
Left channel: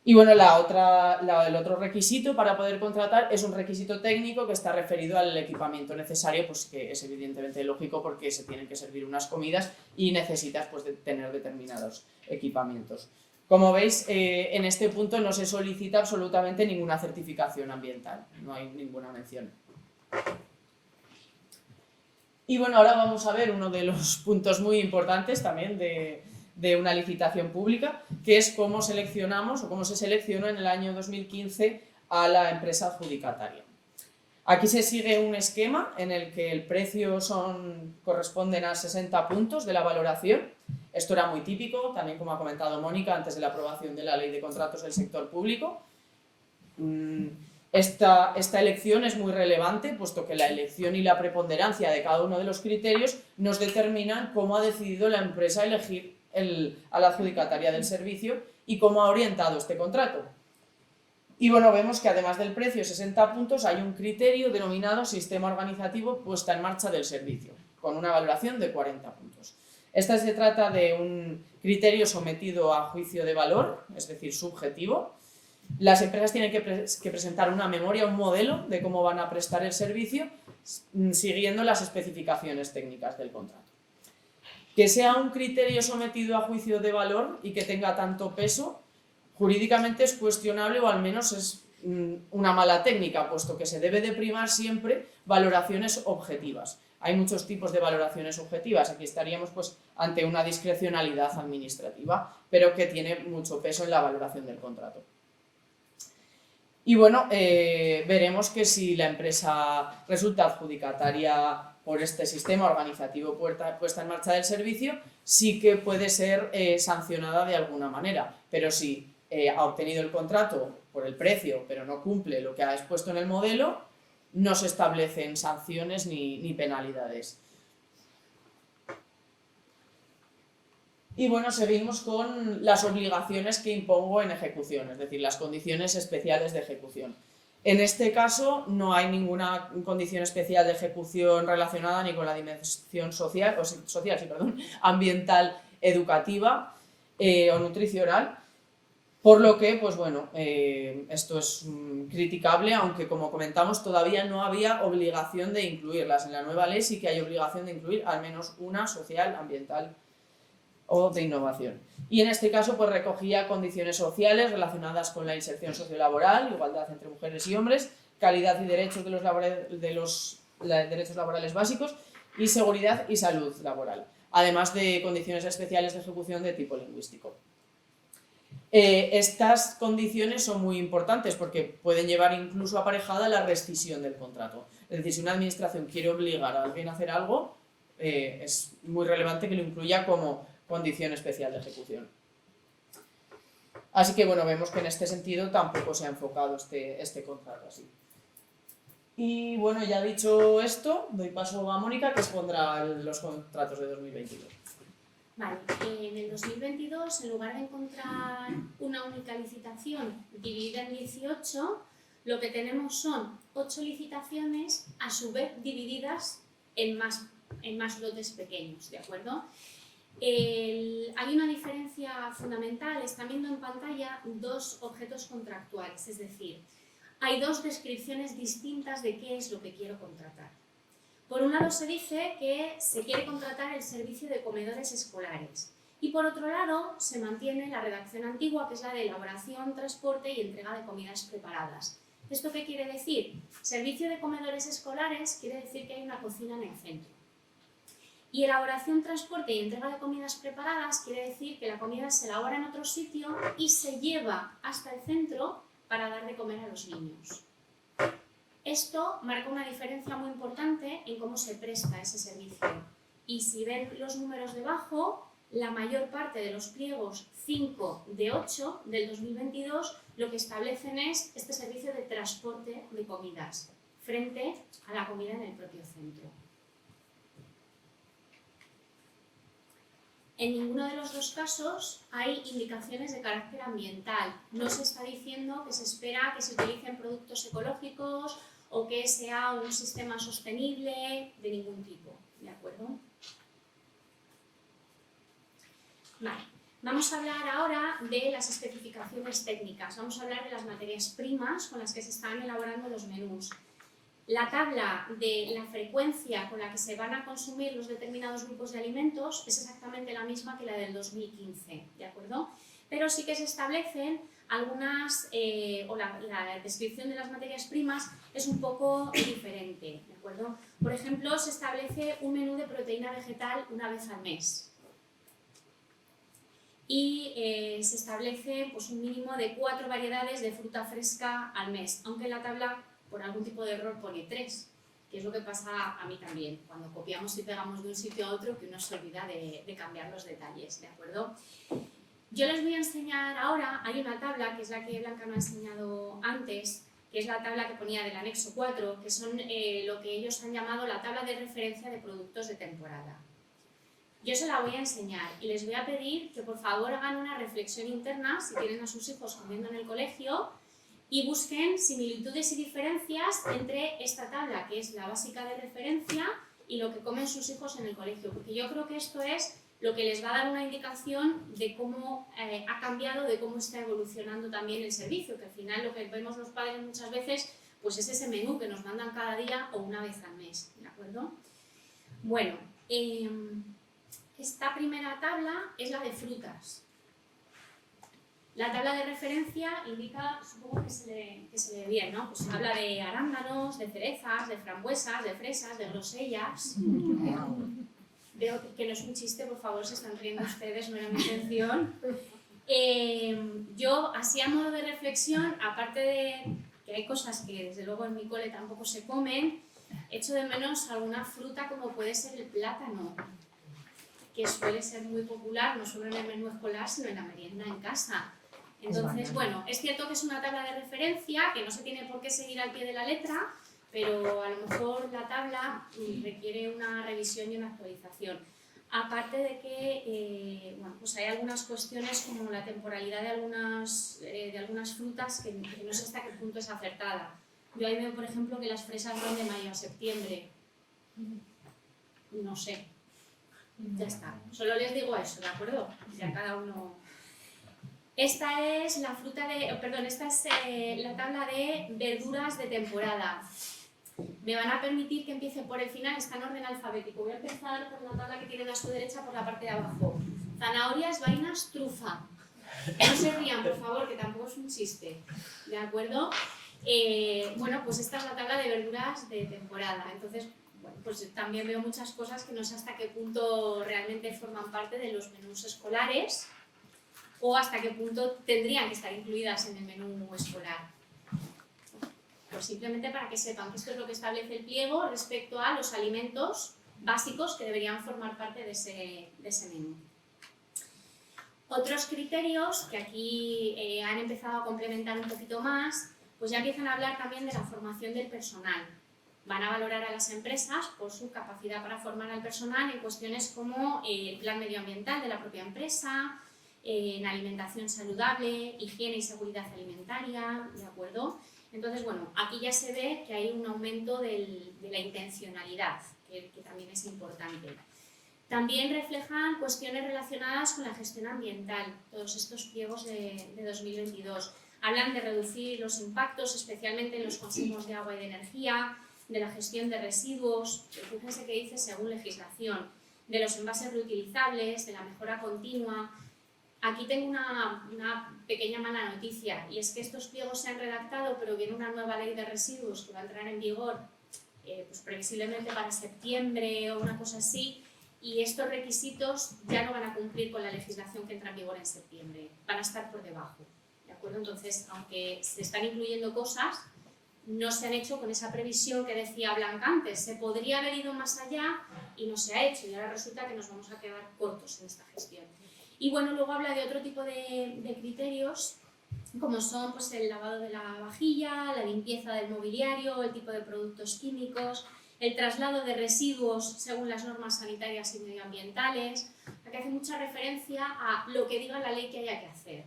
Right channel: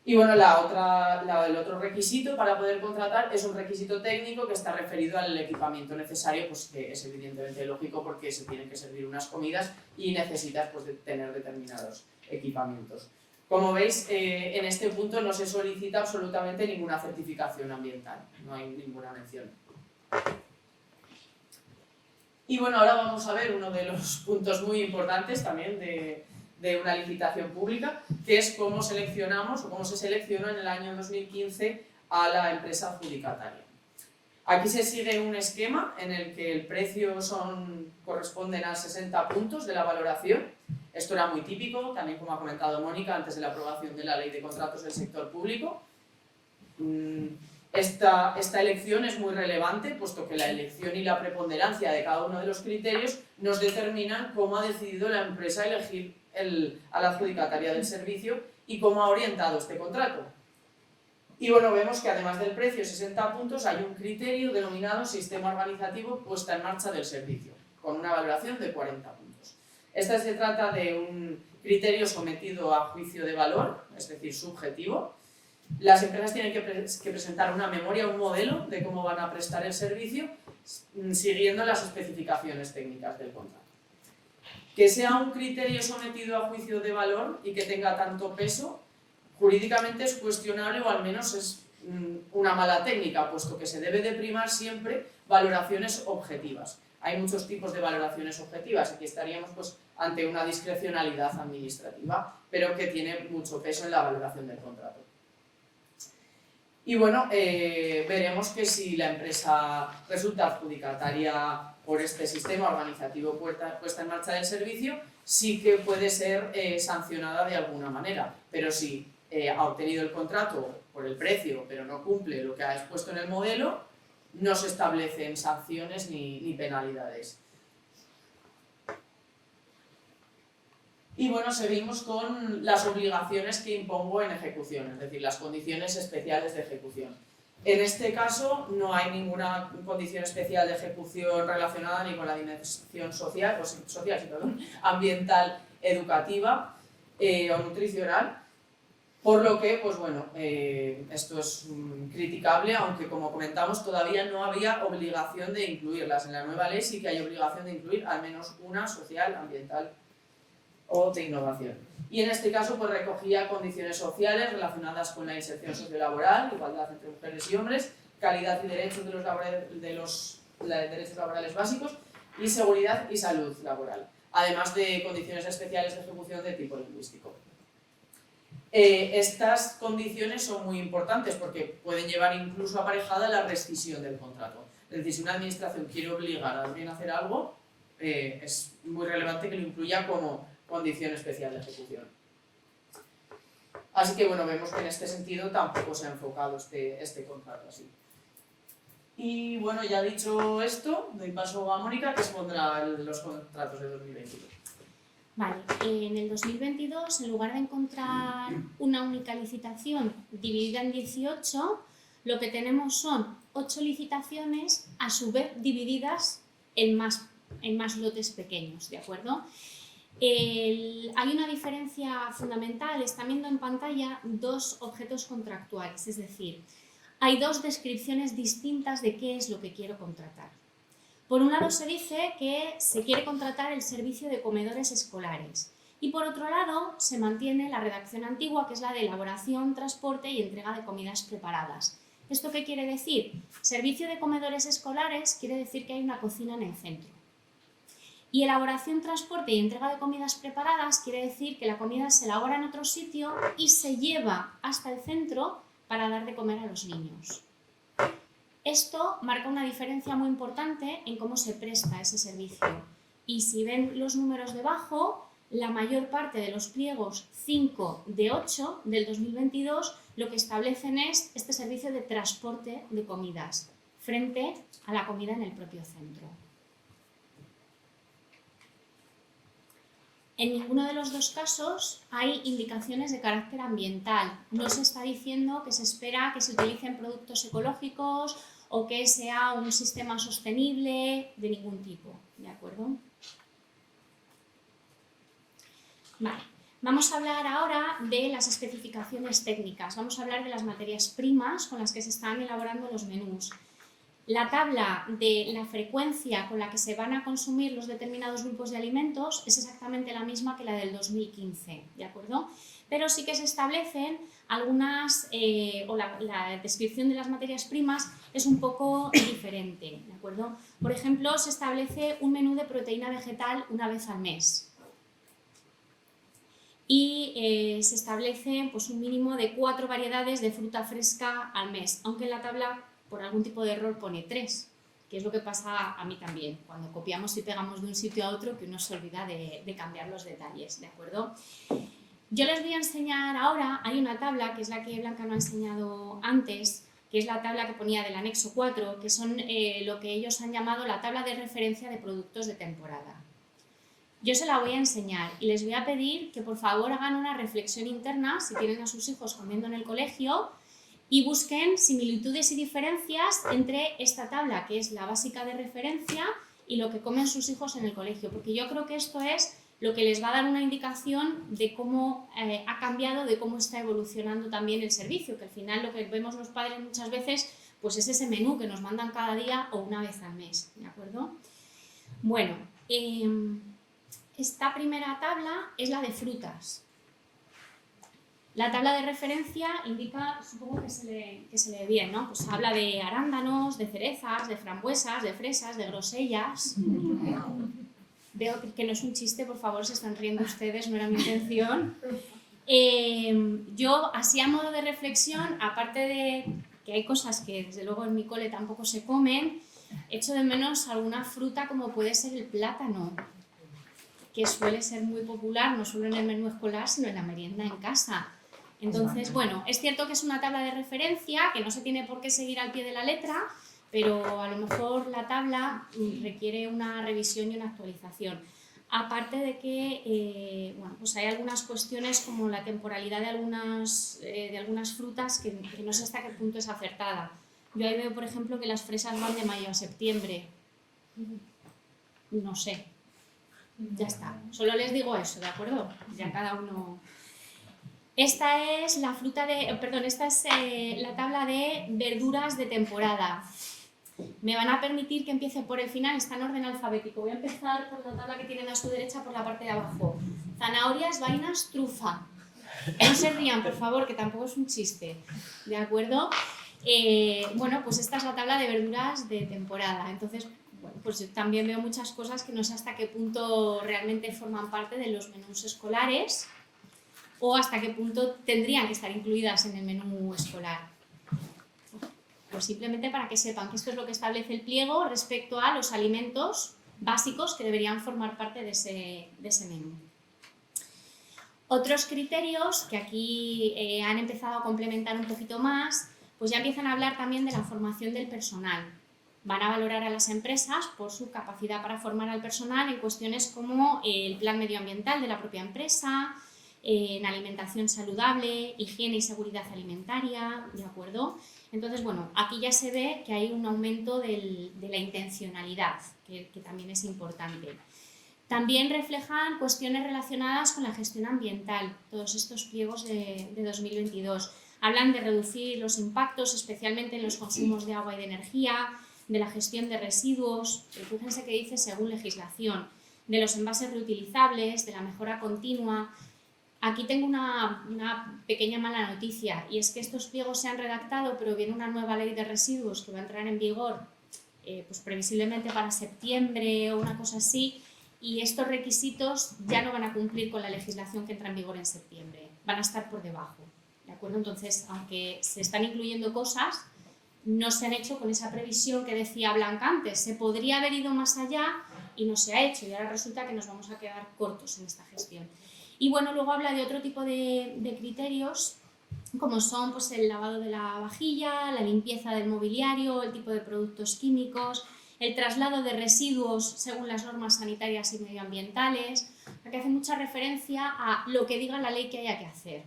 Y bueno, el otro requisito para poder contratar es un requisito técnico que está referido al equipamiento necesario, pues que es evidentemente lógico porque se tienen que servir unas comidas y necesitas pues, de tener determinados equipamientos. Como veis, en este punto no se solicita absolutamente ninguna certificación ambiental, no hay ninguna mención. Y bueno, ahora vamos a ver uno de los puntos muy importantes también de una licitación pública, que es cómo seleccionamos o cómo se seleccionó en el año 2015 a la empresa adjudicataria. Aquí se sigue un esquema en el que el precio corresponden a 60 puntos de la valoración. Esto era muy típico, también como ha comentado Mónica, antes de la aprobación de la Ley de Contratos del Sector Público. Esta elección es muy relevante, puesto que la elección y la preponderancia de cada uno de los criterios nos determinan cómo ha decidido la empresa elegir a la adjudicataria del servicio y cómo ha orientado este contrato. Y bueno, vemos que además del precio, 60 puntos, hay un criterio denominado Sistema Organizativo Puesta en Marcha del Servicio, con una valoración de 40 puntos. Se trata de un criterio sometido a juicio de valor, es decir, subjetivo. Las empresas tienen que presentar una memoria, un modelo de cómo van a prestar el servicio, siguiendo las especificaciones técnicas del contrato. Que sea un criterio sometido a juicio de valor y que tenga tanto peso, jurídicamente es cuestionable o al menos es una mala técnica, puesto que se debe de primar siempre valoraciones objetivas. Hay muchos tipos de valoraciones objetivas, aquí estaríamos pues, ante una discrecionalidad administrativa, pero que tiene mucho peso en la valoración del contrato. Y bueno, veremos que si la empresa resulta adjudicataria por este sistema organizativo puesta en marcha del servicio, sí que puede ser sancionada de alguna manera, pero si ha obtenido el contrato por el precio, pero no cumple lo que ha expuesto en el modelo, no se establecen sanciones ni penalidades. Y bueno, seguimos con las obligaciones que impongo en ejecución, es decir, las condiciones especiales de ejecución. En este caso no hay ninguna condición especial de ejecución relacionada ni con la dimensión ambiental, educativa o nutricional, por lo que, pues bueno, esto es criticable, aunque como comentamos todavía no había obligación de incluirlas. En la nueva ley sí que hay obligación de incluir al menos una social, ambiental o de innovación. Y en este caso pues recogía condiciones sociales relacionadas con la inserción sociolaboral, igualdad entre mujeres y hombres, calidad y derechos de los derechos laborales básicos y seguridad y salud laboral, además de condiciones especiales de ejecución de tipo lingüístico. Estas condiciones son muy importantes porque pueden llevar incluso aparejada la rescisión del contrato. Es decir, si una administración quiere obligar a alguien a hacer algo, es muy relevante que lo incluya como condición especial de ejecución. Así que bueno, vemos que en este sentido tampoco se ha enfocado este contrato así. Y bueno, ya dicho esto, doy paso a Mónica, que expondrá los contratos de 2022. Vale, en el 2022, en lugar de encontrar una única licitación dividida en 18, lo que tenemos son 8 licitaciones, a su vez divididas en más lotes pequeños, ¿de acuerdo? Hay una diferencia fundamental, están viendo en pantalla dos objetos contractuales, es decir, hay dos descripciones distintas de qué es lo que quiero contratar. Por un lado se dice que se quiere contratar el servicio de comedores escolares y por otro lado se mantiene la redacción antigua, que es la de elaboración, transporte y entrega de comidas preparadas. ¿Esto qué quiere decir? Servicio de comedores escolares quiere decir que hay una cocina en el centro. Y elaboración, transporte y entrega de comidas preparadas quiere decir que la comida se elabora en otro sitio y se lleva hasta el centro para dar de comer a los niños. Esto marca una diferencia muy importante en cómo se presta ese servicio. Y si ven los números debajo, la mayor parte de los pliegos 5 de 8 del 2022 lo que establecen es este servicio de transporte de comidas frente a la comida en el propio centro. En ninguno de los dos casos hay indicaciones de carácter ambiental. No se está diciendo que se espera que se utilicen productos ecológicos o que sea un sistema sostenible de ningún tipo. ¿De acuerdo? Vale. Vamos a hablar ahora de las especificaciones técnicas. Vamos a hablar de las materias primas con las que se están elaborando los menús. La tabla de la frecuencia con la que se van a consumir los determinados grupos de alimentos es exactamente la misma que la del 2015, ¿de acuerdo? Pero sí que se establecen algunas, o la descripción de las materias primas es un poco diferente, ¿de acuerdo? Por ejemplo, se establece un menú de proteína vegetal una vez al mes. Y se establece pues, un mínimo de 4 variedades de fruta fresca al mes, aunque en la tabla por algún tipo de error pone 3, que es lo que pasa a mí también, cuando copiamos y pegamos de un sitio a otro que uno se olvida de cambiar los detalles, ¿de acuerdo? Yo les voy a enseñar ahora, hay una tabla, que es la que Blanca me ha enseñado antes, que es la tabla que ponía del anexo 4, que son lo que ellos han llamado la tabla de referencia de productos de temporada. Yo se la voy a enseñar y les voy a pedir que por favor hagan una reflexión interna, si tienen a sus hijos comiendo en el colegio, y busquen similitudes y diferencias entre esta tabla, que es la básica de referencia, y lo que comen sus hijos en el colegio, porque yo creo que esto es lo que les va a dar una indicación de cómo ha cambiado, de cómo está evolucionando también el servicio, que al final lo que vemos los padres muchas veces pues es ese menú que nos mandan cada día o una vez al mes, ¿de acuerdo? Bueno, esta primera tabla es la de frutas. La tabla de referencia indica, supongo que se lee bien, ¿no? Pues habla de arándanos, de cerezas, de frambuesas, de fresas, de grosellas. Veo que no es un chiste, por favor, se están riendo ustedes, no era mi intención. Yo, así a modo de reflexión, aparte de que hay cosas que desde luego en mi cole tampoco se comen, echo de menos alguna fruta como puede ser el plátano, que suele ser muy popular, no solo en el menú escolar, sino en la merienda en casa. Entonces, bueno, es cierto que es una tabla de referencia, que no se tiene por qué seguir al pie de la letra, pero a lo mejor la tabla requiere una revisión y una actualización. Aparte de que bueno, pues hay algunas cuestiones como la temporalidad de algunas frutas que no sé hasta qué punto es acertada. Yo ahí veo, por ejemplo, que las fresas van de mayo a septiembre. No sé. Ya está. Solo les digo eso, ¿de acuerdo? Ya cada uno... Esta es la tabla de verduras de temporada. Me van a permitir que empiece por el final, está en orden alfabético. Voy a empezar por la tabla que tienen a su derecha por la parte de abajo. Zanahorias, vainas, trufa. No se rían, por favor, que tampoco es un chiste. ¿De acuerdo? Bueno, pues esta es la tabla de verduras de temporada. Entonces, pues también veo muchas cosas que no sé hasta qué punto realmente forman parte de los menús escolares o hasta qué punto tendrían que estar incluidas en el menú escolar. Pues simplemente para que sepan que esto es lo que establece el pliego respecto a los alimentos básicos que deberían formar parte de ese menú. Otros criterios que aquí han empezado a complementar un poquito más, pues ya empiezan a hablar también de la formación del personal. Van a valorar a las empresas por su capacidad para formar al personal en cuestiones como el plan medioambiental de la propia empresa, en alimentación saludable, higiene y seguridad alimentaria, ¿de acuerdo? Entonces, bueno, aquí ya se ve que hay un aumento de la intencionalidad, que también es importante. También reflejan cuestiones relacionadas con la gestión ambiental, todos estos pliegos de 2022. Hablan de reducir los impactos, especialmente en los consumos de agua y de energía, de la gestión de residuos, fíjense que dice según legislación, de los envases reutilizables, de la mejora continua. Aquí tengo una pequeña mala noticia, y es que estos pliegos se han redactado, pero viene una nueva ley de residuos que va a entrar en vigor pues previsiblemente para septiembre o una cosa así, y estos requisitos ya no van a cumplir con la legislación que entra en vigor en septiembre, van a estar por debajo, ¿de acuerdo? Entonces, aunque se están incluyendo cosas, no se han hecho con esa previsión que decía Blanca antes, se podría haber ido más allá y no se ha hecho, y ahora resulta que nos vamos a quedar cortos en esta gestión. Y bueno, luego habla de otro tipo de criterios, como son pues, el lavado de la vajilla, la limpieza del mobiliario, el tipo de productos químicos, el traslado de residuos según las normas sanitarias y medioambientales, que hace mucha referencia a lo que diga la ley que haya que hacer,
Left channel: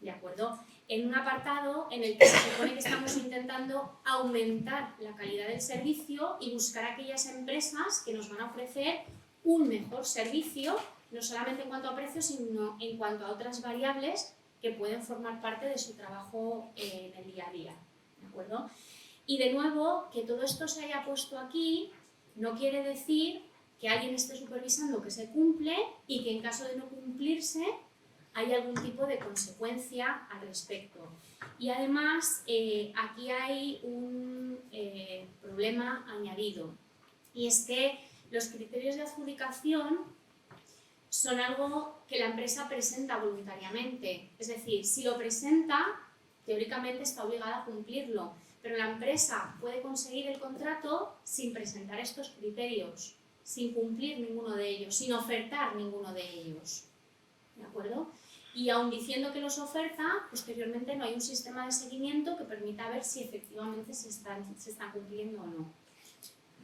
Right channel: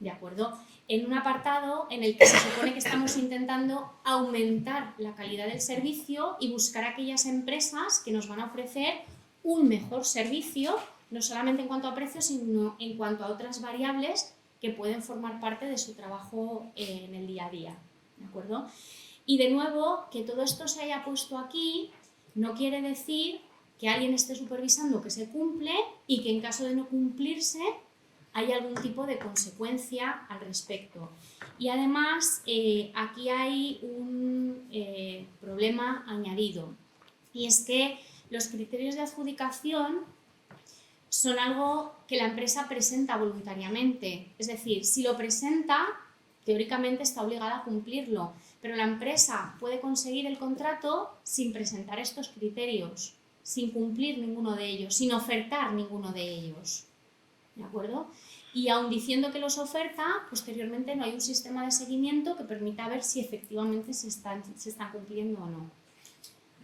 ¿de acuerdo? En un apartado en el que se supone que estamos intentando aumentar la calidad del servicio y buscar aquellas empresas que nos van a ofrecer un mejor servicio, no solamente en cuanto a precios, sino en cuanto a otras variables que pueden formar parte de su trabajo en el día a día, ¿de acuerdo? Y de nuevo, que todo esto se haya puesto aquí no quiere decir que alguien esté supervisando que se cumple y que en caso de no cumplirse hay algún tipo de consecuencia al respecto. Y además, aquí hay un problema añadido, y es que los criterios de adjudicación son algo que la empresa presenta voluntariamente. Es decir, si lo presenta, teóricamente está obligada a cumplirlo, pero la empresa puede conseguir el contrato sin presentar estos criterios, sin cumplir ninguno de ellos, sin ofertar ninguno de ellos, ¿de acuerdo? Y aun diciendo que los oferta, posteriormente no hay un sistema de seguimiento que permita ver si efectivamente se están cumpliendo o no.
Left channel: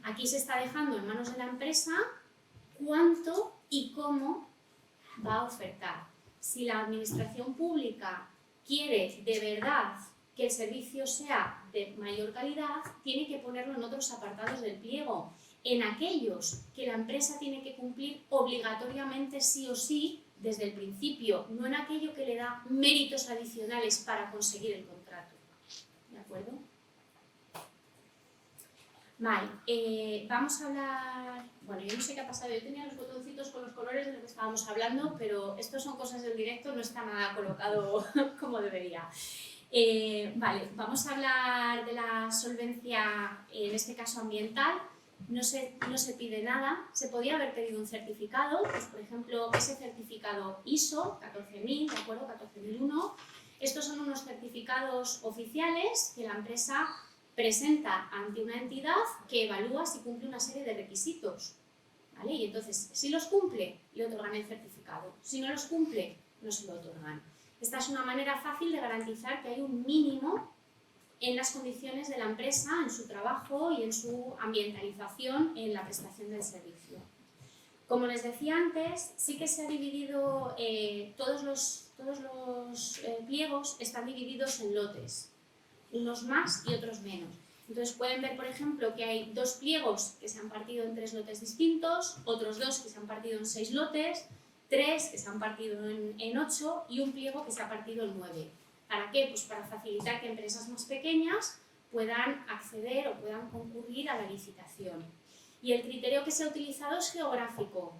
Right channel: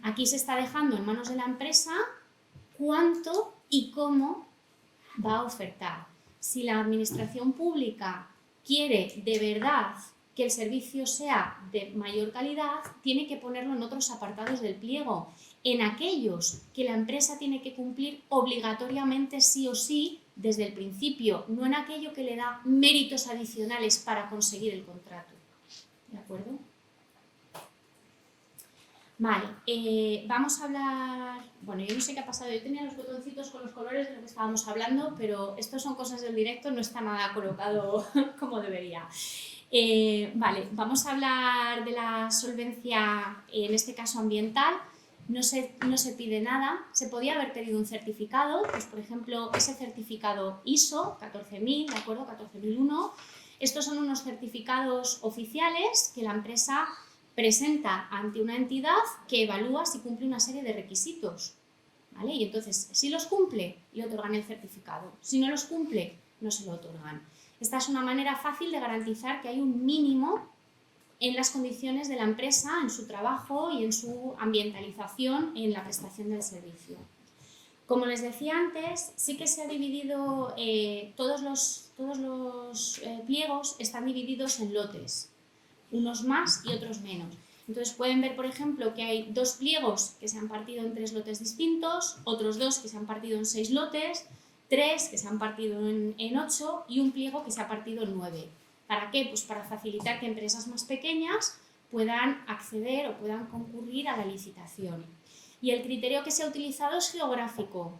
Aquí se está dejando en manos de la empresa cuánto y cómo va a ofertar. Si la administración pública quiere de verdad que el servicio sea de mayor calidad, tiene que ponerlo en otros apartados del pliego, en aquellos que la empresa tiene que cumplir obligatoriamente sí o sí desde el principio, no en aquello que le da méritos adicionales para conseguir el contrato. ¿De acuerdo? Vale, vamos a hablar... Bueno, yo no sé qué ha pasado, yo tenía los botoncitos con los colores de lo que estábamos hablando, pero esto son cosas del directo, no está nada colocado como debería. Vale, vamos a hablar de la solvencia, en este caso ambiental. No se pide nada, se podía haber pedido un certificado, pues por ejemplo ese certificado ISO 14000, ¿de acuerdo? 14001. Estos son unos certificados oficiales que la empresa presenta ante una entidad que evalúa si cumple una serie de requisitos, ¿vale? Y entonces, si los cumple, le otorgan el certificado. Si no los cumple, no se lo otorgan. Esta es una manera fácil de garantizar que hay un mínimo en las condiciones de la empresa, en su trabajo y en su ambientalización en la prestación del servicio. Como les decía antes, sí que se ha dividido, todos los pliegos están divididos en lotes, unos más y otros menos. Entonces pueden ver, por ejemplo, que hay 2 pliegos que se han partido en 3 lotes distintos, otros 2 que se han partido en 6 lotes, 3 que se han partido en 8 y un pliego que se ha partido en 9. ¿Para qué? Pues para facilitar que empresas más pequeñas puedan acceder o puedan concurrir a la licitación. Y el criterio que se ha utilizado es geográfico,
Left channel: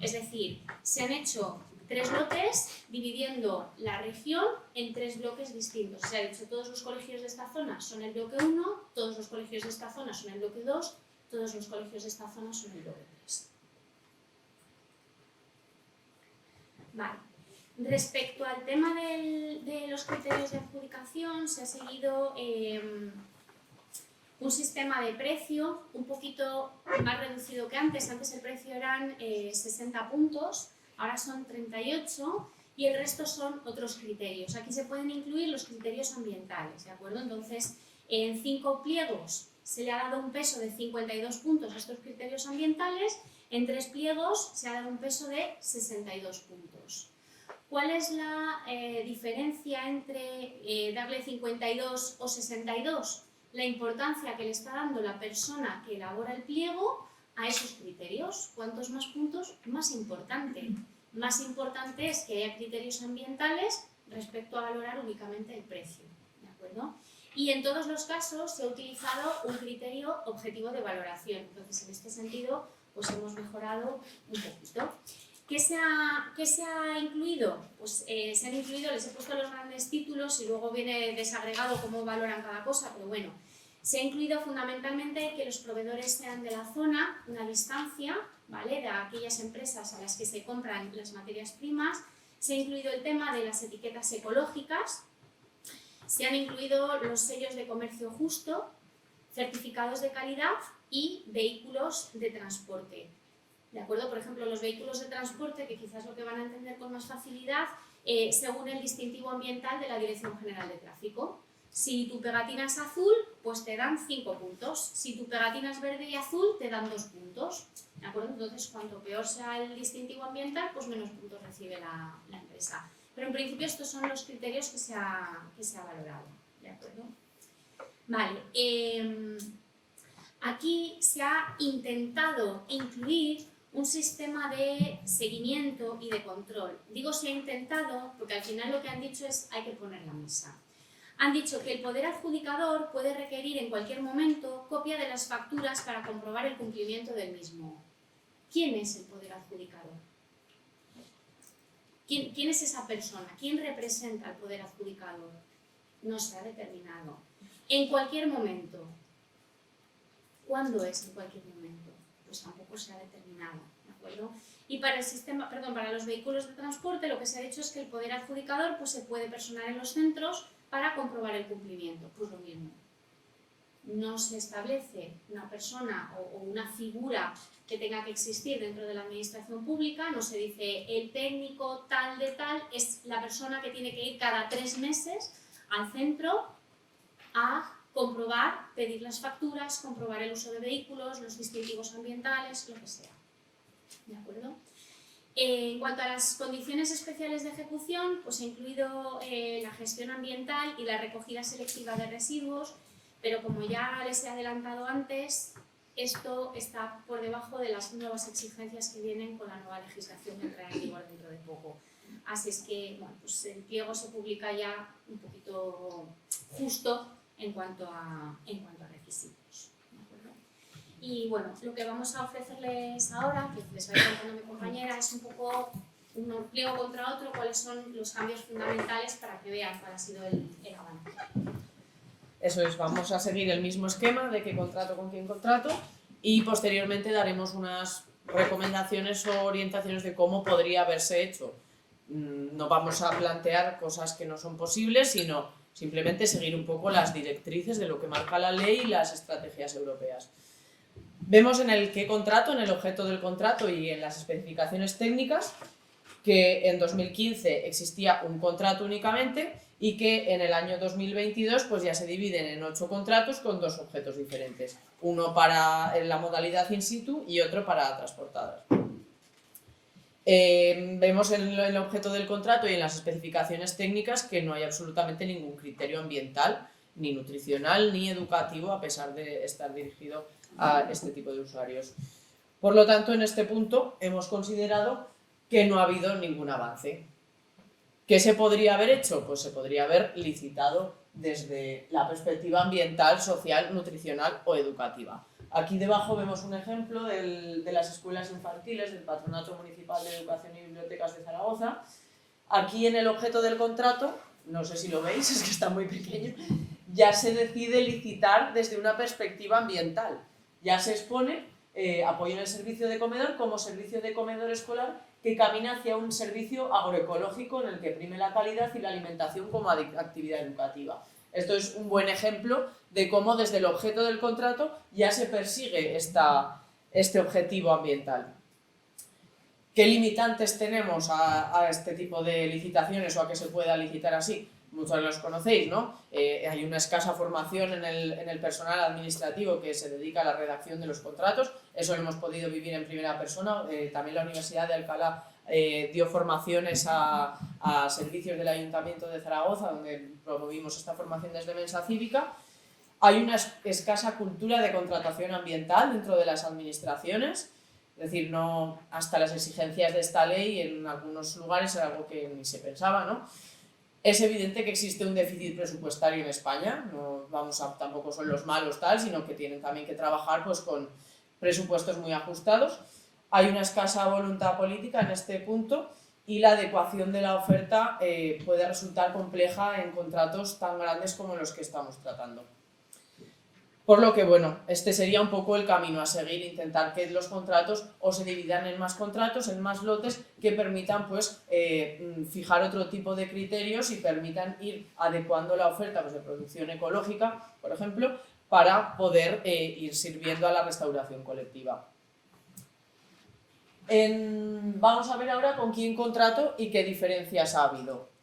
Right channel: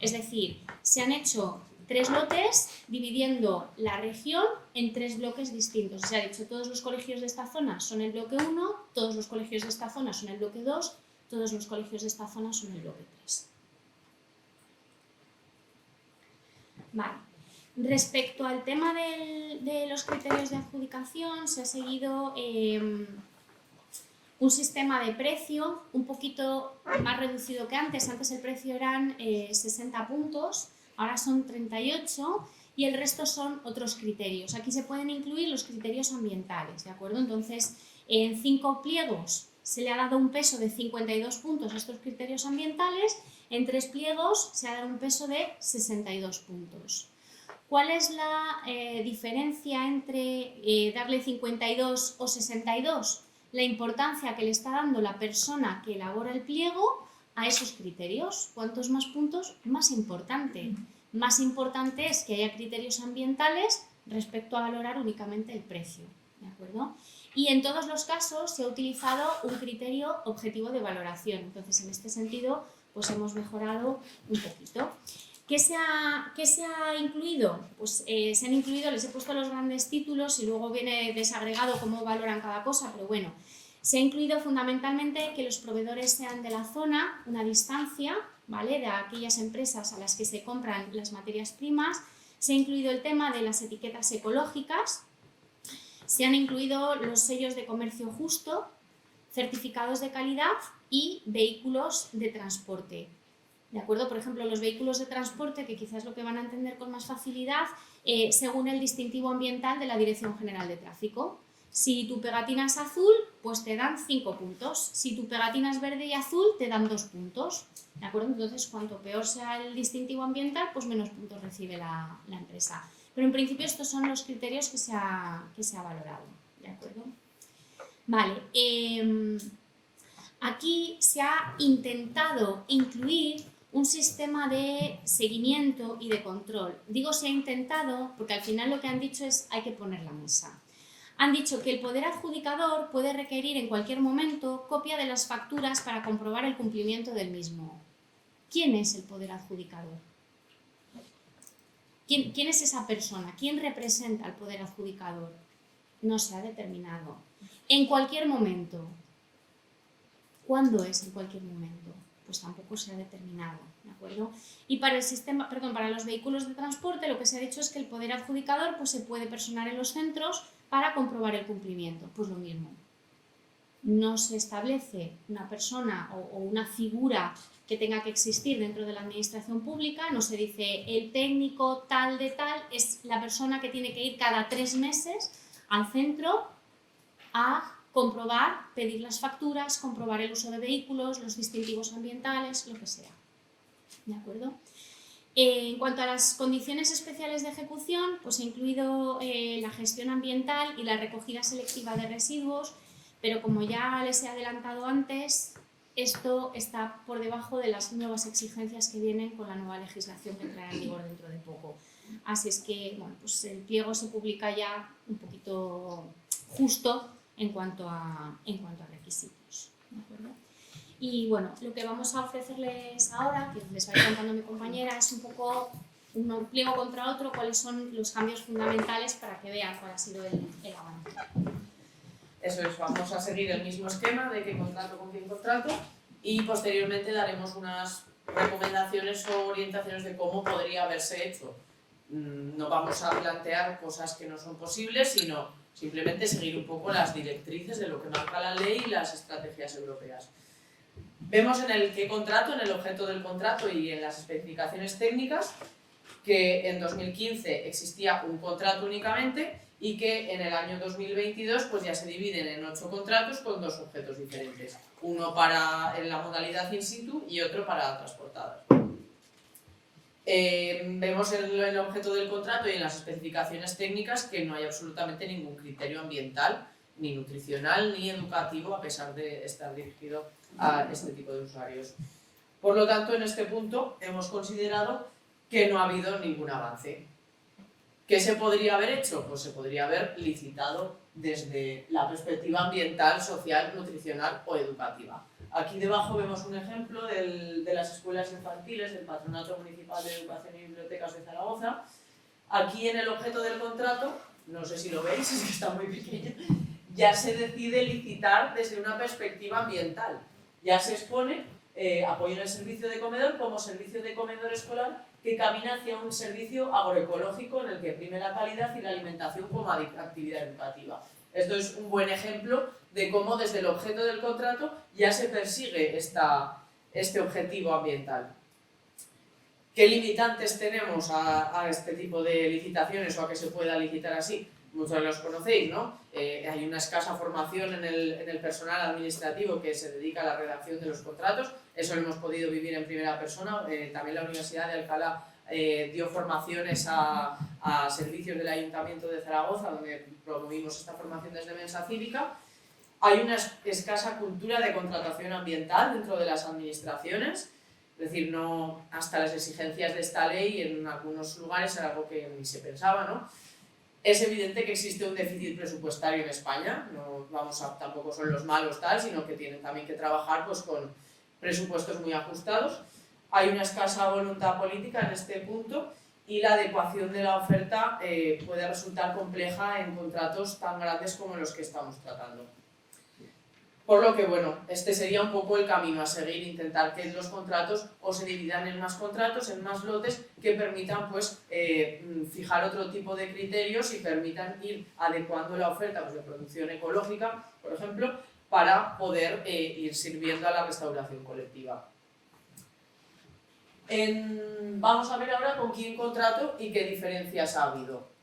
es decir, se han hecho 3 lotes dividiendo la región en 3 bloques distintos. Se ha dicho todos los colegios de esta zona son el bloque 1, todos los colegios de esta zona son el bloque 2, todos los colegios de esta zona son el bloque 3. Vale. Respecto al tema de los criterios de adjudicación, se ha seguido un sistema de precio un poquito más reducido que antes. Antes el precio eran 60 puntos, ahora son 38 y el resto son otros criterios. Aquí se pueden incluir los criterios ambientales, ¿de acuerdo? Entonces, en 5 pliegos se le ha dado un peso de 52 puntos a estos criterios ambientales, en 3 pliegos se ha dado un peso de 62 puntos. ¿Cuál es la diferencia entre darle 52 o 62? La importancia que le está dando la persona que elabora el pliego a esos criterios. Cuantos más puntos, más importante. Más importante es que haya criterios ambientales respecto a valorar únicamente el precio, ¿de acuerdo? Y en todos los casos se ha utilizado un criterio objetivo de valoración. Entonces, en este sentido, pues hemos mejorado un poquito. ¿Qué se ha incluido? Pues se han incluido, les he puesto los grandes títulos y luego viene desagregado cómo valoran cada cosa, pero bueno, se ha incluido fundamentalmente que los proveedores sean de la zona, una distancia, ¿vale?, de aquellas empresas a las que se compran las materias primas. Se ha incluido el tema de las etiquetas ecológicas, se han incluido los sellos de comercio justo, certificados de calidad y vehículos de transporte. ¿De acuerdo? Por ejemplo, los vehículos de transporte, que quizás lo que van a entender con más facilidad, según el distintivo ambiental de la Dirección General de Tráfico. Si tu pegatina es azul, pues te dan 5 puntos. Si tu pegatina es verde y azul, te dan 2 puntos. ¿De acuerdo? Entonces, cuanto peor sea el distintivo ambiental, pues menos puntos recibe la empresa. Pero en principio estos son los criterios que se ha valorado. ¿De acuerdo? Vale. Aquí se ha intentado incluir un sistema de seguimiento y de control. Digo se ha intentado porque al final lo que han dicho es hay que poner la mesa. Han dicho que el poder adjudicador puede requerir en cualquier momento copia de las facturas para comprobar el cumplimiento del mismo. ¿Quién es el poder adjudicador? ¿Quién es esa persona? ¿Quién representa al poder adjudicador? No se ha determinado. En cualquier momento. ¿Cuándo es en cualquier momento? Pues tampoco se ha determinado, ¿de acuerdo? Y para para los vehículos de transporte lo que se ha dicho es que el poder adjudicador pues, se puede personar en los centros para comprobar el cumplimiento. Pues lo mismo. No se establece una persona o una figura que tenga que existir dentro de la administración pública, no se dice el técnico tal de tal, es la persona que tiene que ir cada 3 meses al centro a comprobar, pedir las facturas, comprobar el uso de vehículos, los distintivos ambientales, lo que sea. ¿De acuerdo? En cuanto a las condiciones especiales de ejecución, pues he incluido la gestión ambiental y la recogida selectiva de residuos, pero como ya les he adelantado antes, esto está por debajo de las nuevas exigencias que vienen con la nueva legislación que entrará en vigor dentro de poco. Así es que bueno, pues el pliego se publica ya un poquito justo en cuanto a requisitos. ¿De acuerdo? Y bueno, lo que vamos a ofrecerles ahora, que les va a ir contando mi compañera, es un poco un pliego contra otro, cuáles son los cambios fundamentales para que vean cuál ha sido el avance. Eso es, vamos a seguir el mismo esquema de qué contrato con quién contrato y posteriormente daremos unas recomendaciones o orientaciones de cómo podría haberse hecho. No vamos a plantear cosas que no son posibles, sino simplemente seguir un poco las directrices de lo que marca la ley y las estrategias europeas. Vemos en el qué contrato, en el objeto del contrato y en las especificaciones técnicas que en 2015 existía un contrato únicamente y que en el año 2022 pues ya se dividen en 8 contratos con 2 objetos diferentes. Uno para la modalidad in situ y otro para transportadas. Vemos en el objeto del contrato y en las especificaciones técnicas que no hay absolutamente ningún criterio ambiental, ni nutricional, ni educativo, a pesar de estar dirigido a este tipo de usuarios. Por lo tanto, en este punto hemos considerado que no ha habido ningún avance. ¿Qué se podría haber hecho? Pues se podría haber licitado desde la perspectiva ambiental, social, nutricional o educativa. Aquí debajo vemos un ejemplo de las escuelas infantiles del Patronato Municipal de Educación y Bibliotecas de Zaragoza. Aquí en el objeto del contrato, no sé si lo veis, es que está muy pequeño, ya se decide licitar desde una perspectiva ambiental. Ya se expone apoyo en el servicio de comedor como servicio de comedor escolar que camina hacia un servicio agroecológico en el que prime la calidad y la alimentación como actividad educativa. Esto es un buen ejemplo de cómo desde el objeto del contrato ya se persigue este objetivo ambiental. ¿Qué limitantes tenemos a este tipo de licitaciones o a que se pueda licitar así? Muchos los conocéis, ¿no? Hay una escasa formación en el personal administrativo que se dedica a la redacción de los contratos. Eso lo hemos podido vivir en primera persona. También la Universidad de Alcalá dio formaciones a servicios del Ayuntamiento de Zaragoza, donde promovimos esta formación desde Mensa Cívica. Hay una escasa cultura de contratación ambiental dentro de las administraciones, es decir, no hasta las exigencias de esta ley en algunos lugares era algo que ni se pensaba, ¿no? Es evidente que existe un déficit presupuestario en España, no tampoco son los malos tal, sino que tienen también que trabajar pues, con presupuestos muy ajustados. Hay una escasa voluntad política en este punto y la adecuación de la oferta puede resultar compleja en contratos tan grandes como los que estamos tratando. Por lo que, bueno, este sería un poco el camino a seguir, intentar que los contratos o se dividan en más contratos, en más lotes, que permitan pues, fijar otro tipo de criterios y permitan ir adecuando la oferta pues, de producción ecológica, por ejemplo, para poder ir sirviendo a la restauración colectiva. Vamos a ver ahora con quién contrato y qué diferencias ha habido.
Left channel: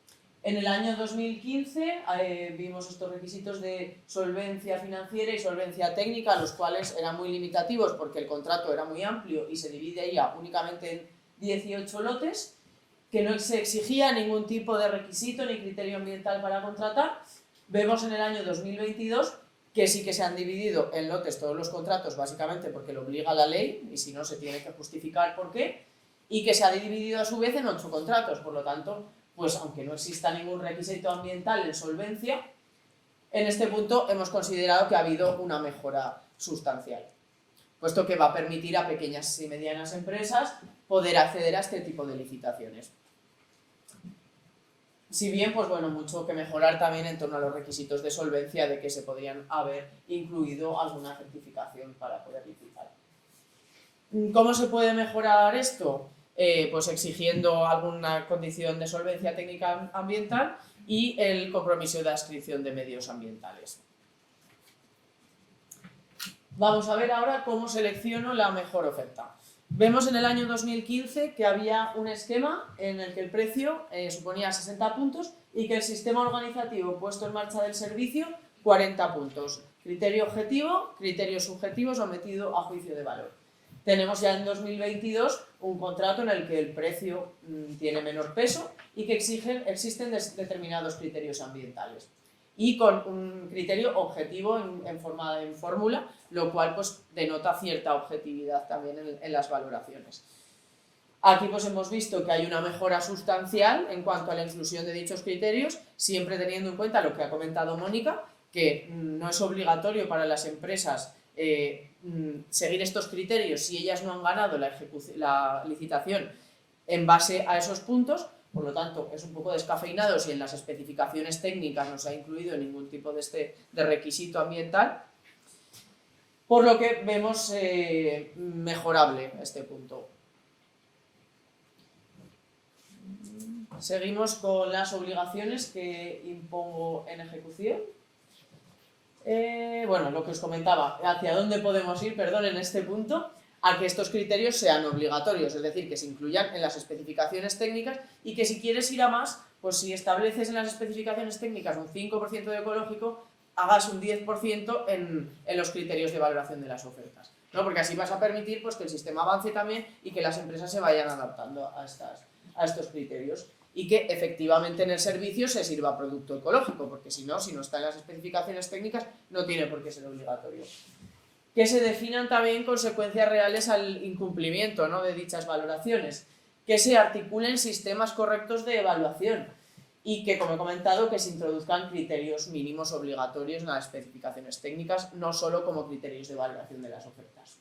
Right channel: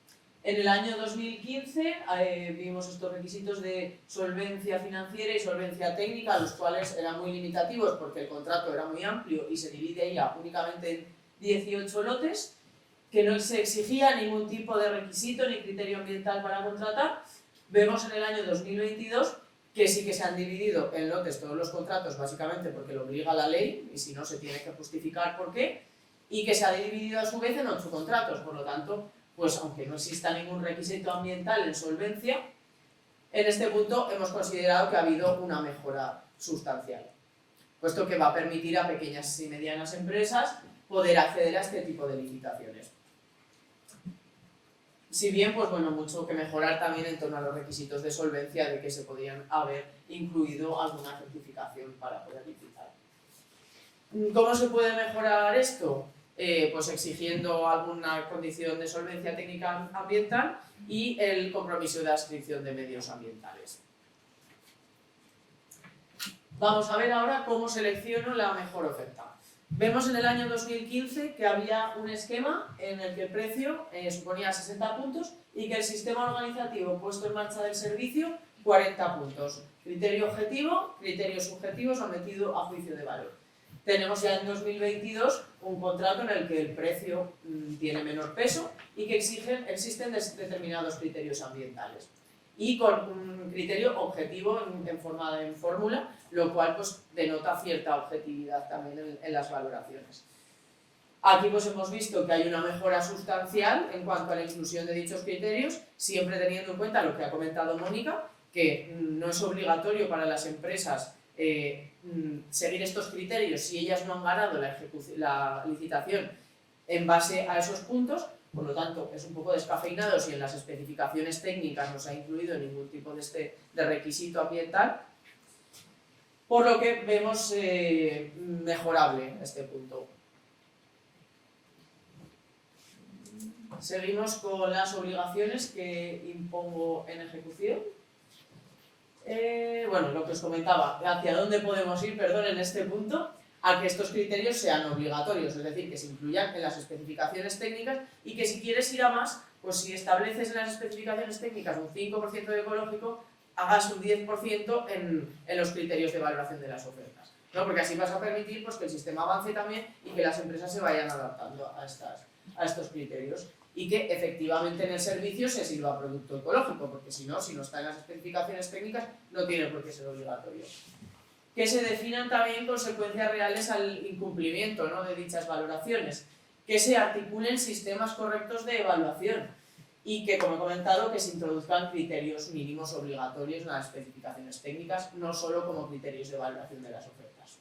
En el año 2015 vimos estos requisitos de solvencia financiera y solvencia técnica, los cuales eran muy limitativos porque el contrato era muy amplio y se dividía únicamente en 18 lotes, que no se exigía ningún tipo de requisito ni criterio ambiental para contratar. Vemos en el año 2022 que sí que se han dividido en lotes todos los contratos, básicamente porque lo obliga la ley y si no se tiene que justificar por qué, y que se ha dividido a su vez en 8 contratos, por lo tanto, pues aunque no exista ningún requisito ambiental en solvencia, en este punto hemos considerado que ha habido una mejora sustancial, puesto que va a permitir a pequeñas y medianas empresas poder acceder a este tipo de licitaciones. Si bien, pues bueno, mucho que mejorar también en torno a los requisitos de solvencia, de que se podían haber incluido alguna certificación para poder licitar. ¿Cómo se puede mejorar esto? Pues exigiendo alguna condición de solvencia técnica ambiental y el compromiso de adscripción de medios ambientales. Vamos a ver ahora cómo selecciono la mejor oferta. Vemos en el año 2015 que había un esquema en el que el precio suponía 60 puntos y que el sistema organizativo puesto en marcha del servicio 40 puntos. Criterio objetivo, criterio subjetivo sometido a juicio de valor. Tenemos ya en 2022 un contrato en el que el precio tiene menor peso y que existen determinados criterios ambientales. Y con un criterio objetivo en fórmula, lo cual pues, denota cierta objetividad también en las valoraciones. Aquí pues, hemos visto que hay una mejora sustancial en cuanto a la inclusión de dichos criterios, siempre teniendo en cuenta lo que ha comentado Mónica, que no es obligatorio para las empresas seguir estos criterios si ellas no han ganado la licitación en base a esos puntos. Por lo tanto, es un poco descafeinado si en las especificaciones técnicas no se ha incluido ningún tipo de requisito ambiental, por lo que vemos mejorable este punto. Seguimos con las obligaciones que impongo en ejecución. Bueno, lo que os comentaba, hacia dónde podemos ir, perdón, en este punto, a que estos criterios sean obligatorios, es decir, que se incluyan en las especificaciones técnicas y que si quieres ir a más, pues si estableces en las especificaciones técnicas un 5% de ecológico, hagas un 10% en los criterios de valoración de las ofertas, ¿no? Porque así vas a permitir pues, que el sistema avance también y que las empresas se vayan adaptando a estos criterios y que efectivamente en el servicio se sirva producto ecológico, porque si no está en las especificaciones técnicas, no tiene por qué ser obligatorio. Que se definan también consecuencias reales al incumplimiento, ¿no? de dichas valoraciones, que se articulen sistemas correctos de evaluación y que, como he comentado, que se introduzcan criterios mínimos obligatorios en las especificaciones técnicas, no solo como criterios de valoración de las ofertas.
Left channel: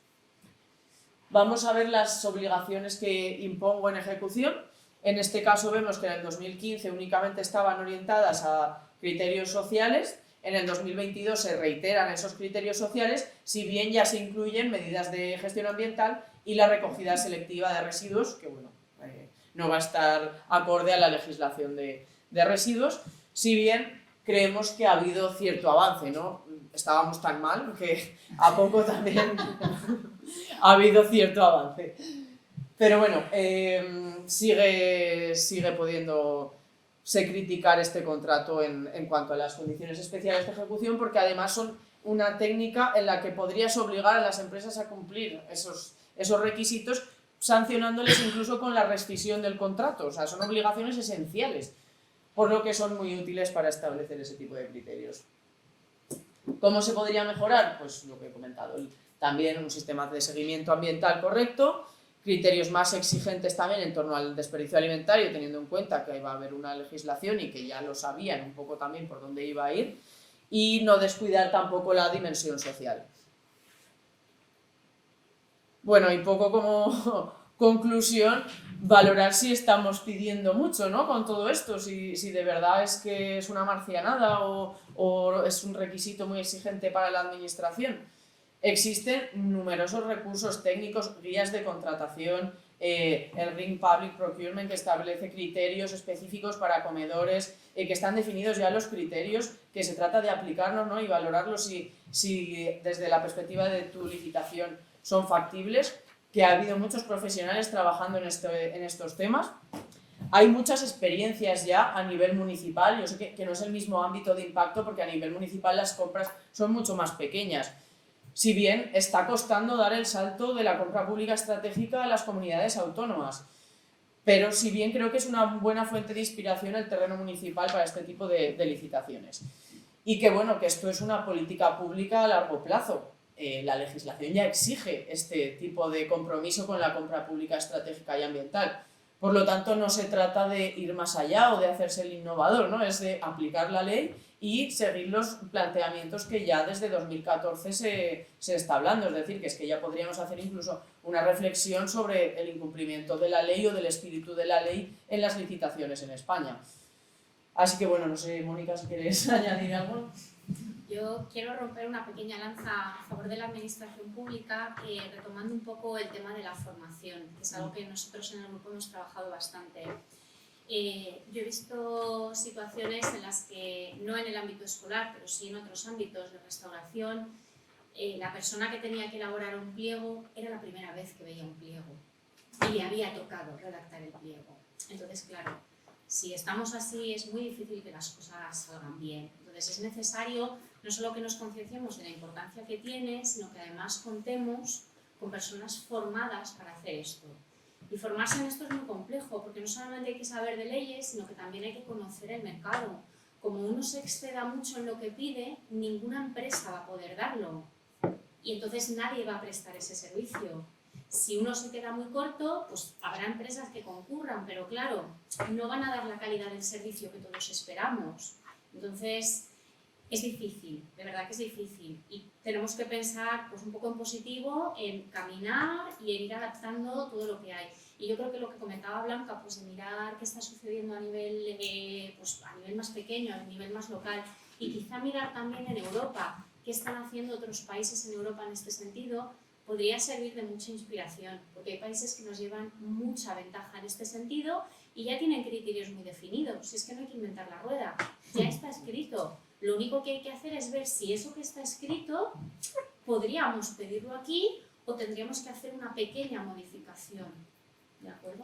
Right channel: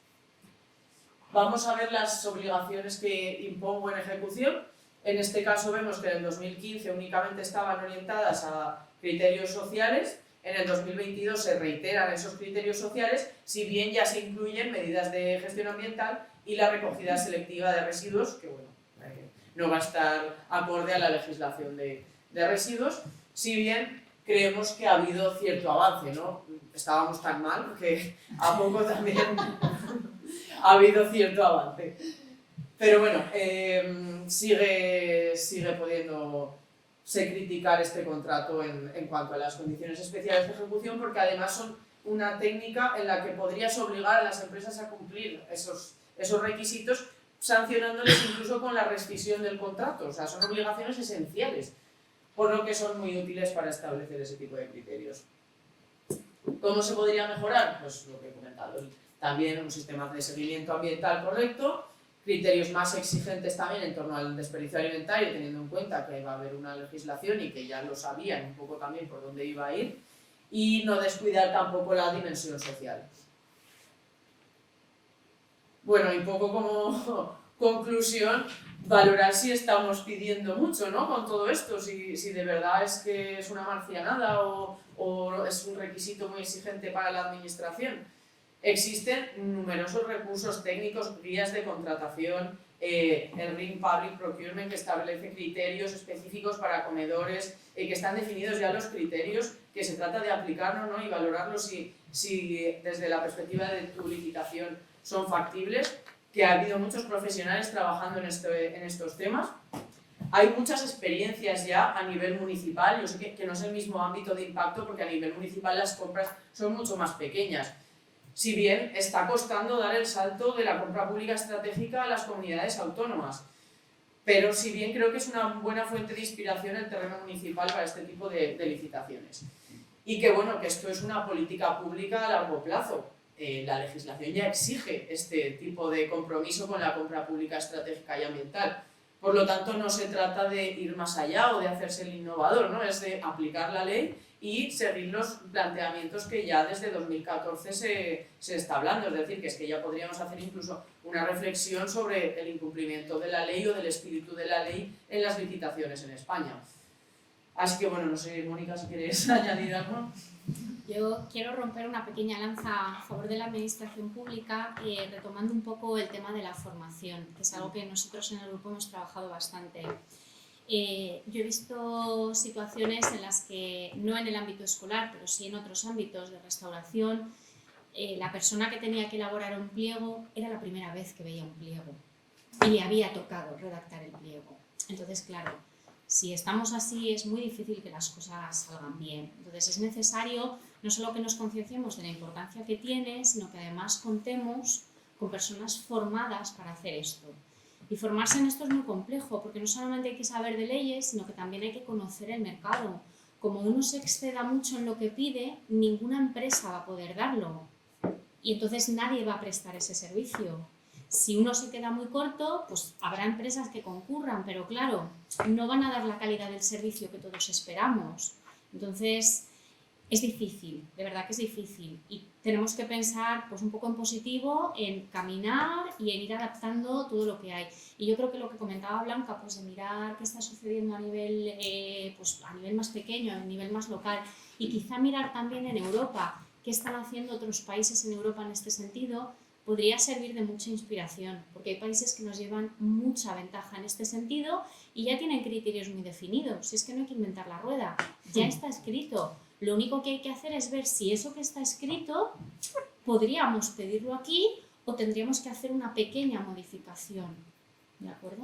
Vamos a ver las obligaciones que impongo en ejecución. En este caso vemos que en el 2015 únicamente estaban orientadas a criterios sociales. En el 2022 se reiteran esos criterios sociales, si bien ya se incluyen medidas de gestión ambiental y la recogida selectiva de residuos, que bueno, no va a estar acorde a la legislación de residuos, si bien creemos que ha habido cierto avance, ¿no? Estábamos tan mal que a poco también ha habido cierto avance. Pero bueno, sigue pudiéndose criticar este contrato en cuanto a las condiciones especiales de ejecución, porque además son una técnica en la que podrías obligar a las empresas a cumplir esos requisitos, sancionándoles incluso con la rescisión del contrato. O sea, son obligaciones esenciales, por lo que son muy útiles para establecer ese tipo de criterios. ¿Cómo se podría mejorar? Pues lo que he comentado, también un sistema de seguimiento ambiental correcto, criterios más exigentes también en torno al desperdicio alimentario, teniendo en cuenta que va a haber una legislación y que ya lo sabían un poco también por dónde iba a ir, y no descuidar tampoco la dimensión social. Bueno, y un poco como conclusión, valorar si estamos pidiendo mucho, ¿no? Con todo esto, si de verdad es que es una marcianada o es un requisito muy exigente para la administración. Existen numerosos recursos técnicos, guías de contratación, el RIM Public Procurement, que establece criterios específicos para comedores, que están definidos ya los criterios, que se trata de aplicarlos, ¿no? Y valorarlos si desde la perspectiva de tu licitación son factibles, que ha habido muchos profesionales trabajando en estos temas. Hay muchas experiencias ya a nivel municipal, yo sé que no es el mismo ámbito de impacto porque a nivel municipal las compras son mucho más pequeñas. Si bien está costando dar el salto de la compra pública estratégica a las comunidades autónomas, pero si bien creo que es una buena fuente de inspiración el terreno municipal para este tipo de licitaciones. Y que bueno, que esto es una política pública a largo plazo. La legislación ya exige este tipo de compromiso con la compra pública estratégica y ambiental. Por lo tanto, no se trata de ir más allá o de hacerse el innovador, ¿no? Es de aplicar la ley y seguir los planteamientos que ya desde 2014 se está hablando. Es decir, que es que ya podríamos hacer incluso una reflexión sobre el incumplimiento de la ley o del espíritu de la ley en las licitaciones en España. Así que bueno, no sé, Mónica, si quieres añadir algo. Yo quiero romper una pequeña lanza a favor de la administración pública, retomando un poco el tema de la formación, que es algo que nosotros en el grupo hemos trabajado bastante. Yo he visto situaciones en las que, no en el ámbito escolar, pero sí en otros ámbitos de restauración, la persona que tenía que elaborar un pliego era la primera vez que veía un pliego y le había tocado redactar el pliego. Entonces, claro, si estamos así es muy difícil que las cosas salgan bien. Entonces es necesario no solo que nos concienciemos de la importancia que tiene, sino que además contemos con personas formadas para hacer esto. Y formarse en esto es muy complejo, porque no solamente hay que saber de leyes, sino que también hay que conocer el mercado. Como uno se exceda mucho en lo que pide, ninguna empresa va a poder darlo. Y entonces nadie va a prestar ese servicio. Si uno se queda muy corto, pues habrá empresas que concurran, pero claro, no van a dar la calidad del servicio que todos esperamos. Entonces, es difícil, de verdad que es difícil. Y tenemos que pensar pues, un poco en positivo, en caminar y en ir adaptando todo lo que hay. Y yo creo que lo que comentaba Blanca, pues de mirar qué está sucediendo a nivel, pues, a nivel más pequeño, a nivel más local, y quizá mirar también en Europa, qué están haciendo otros países en Europa en este sentido, podría servir de mucha inspiración, porque hay países que nos llevan mucha ventaja en este sentido y ya tienen criterios muy definidos. Si es que no hay que inventar la rueda, ya está escrito. Lo único que hay que hacer es ver si eso que está escrito podríamos pedirlo aquí o tendríamos que hacer una pequeña modificación. ¿De acuerdo?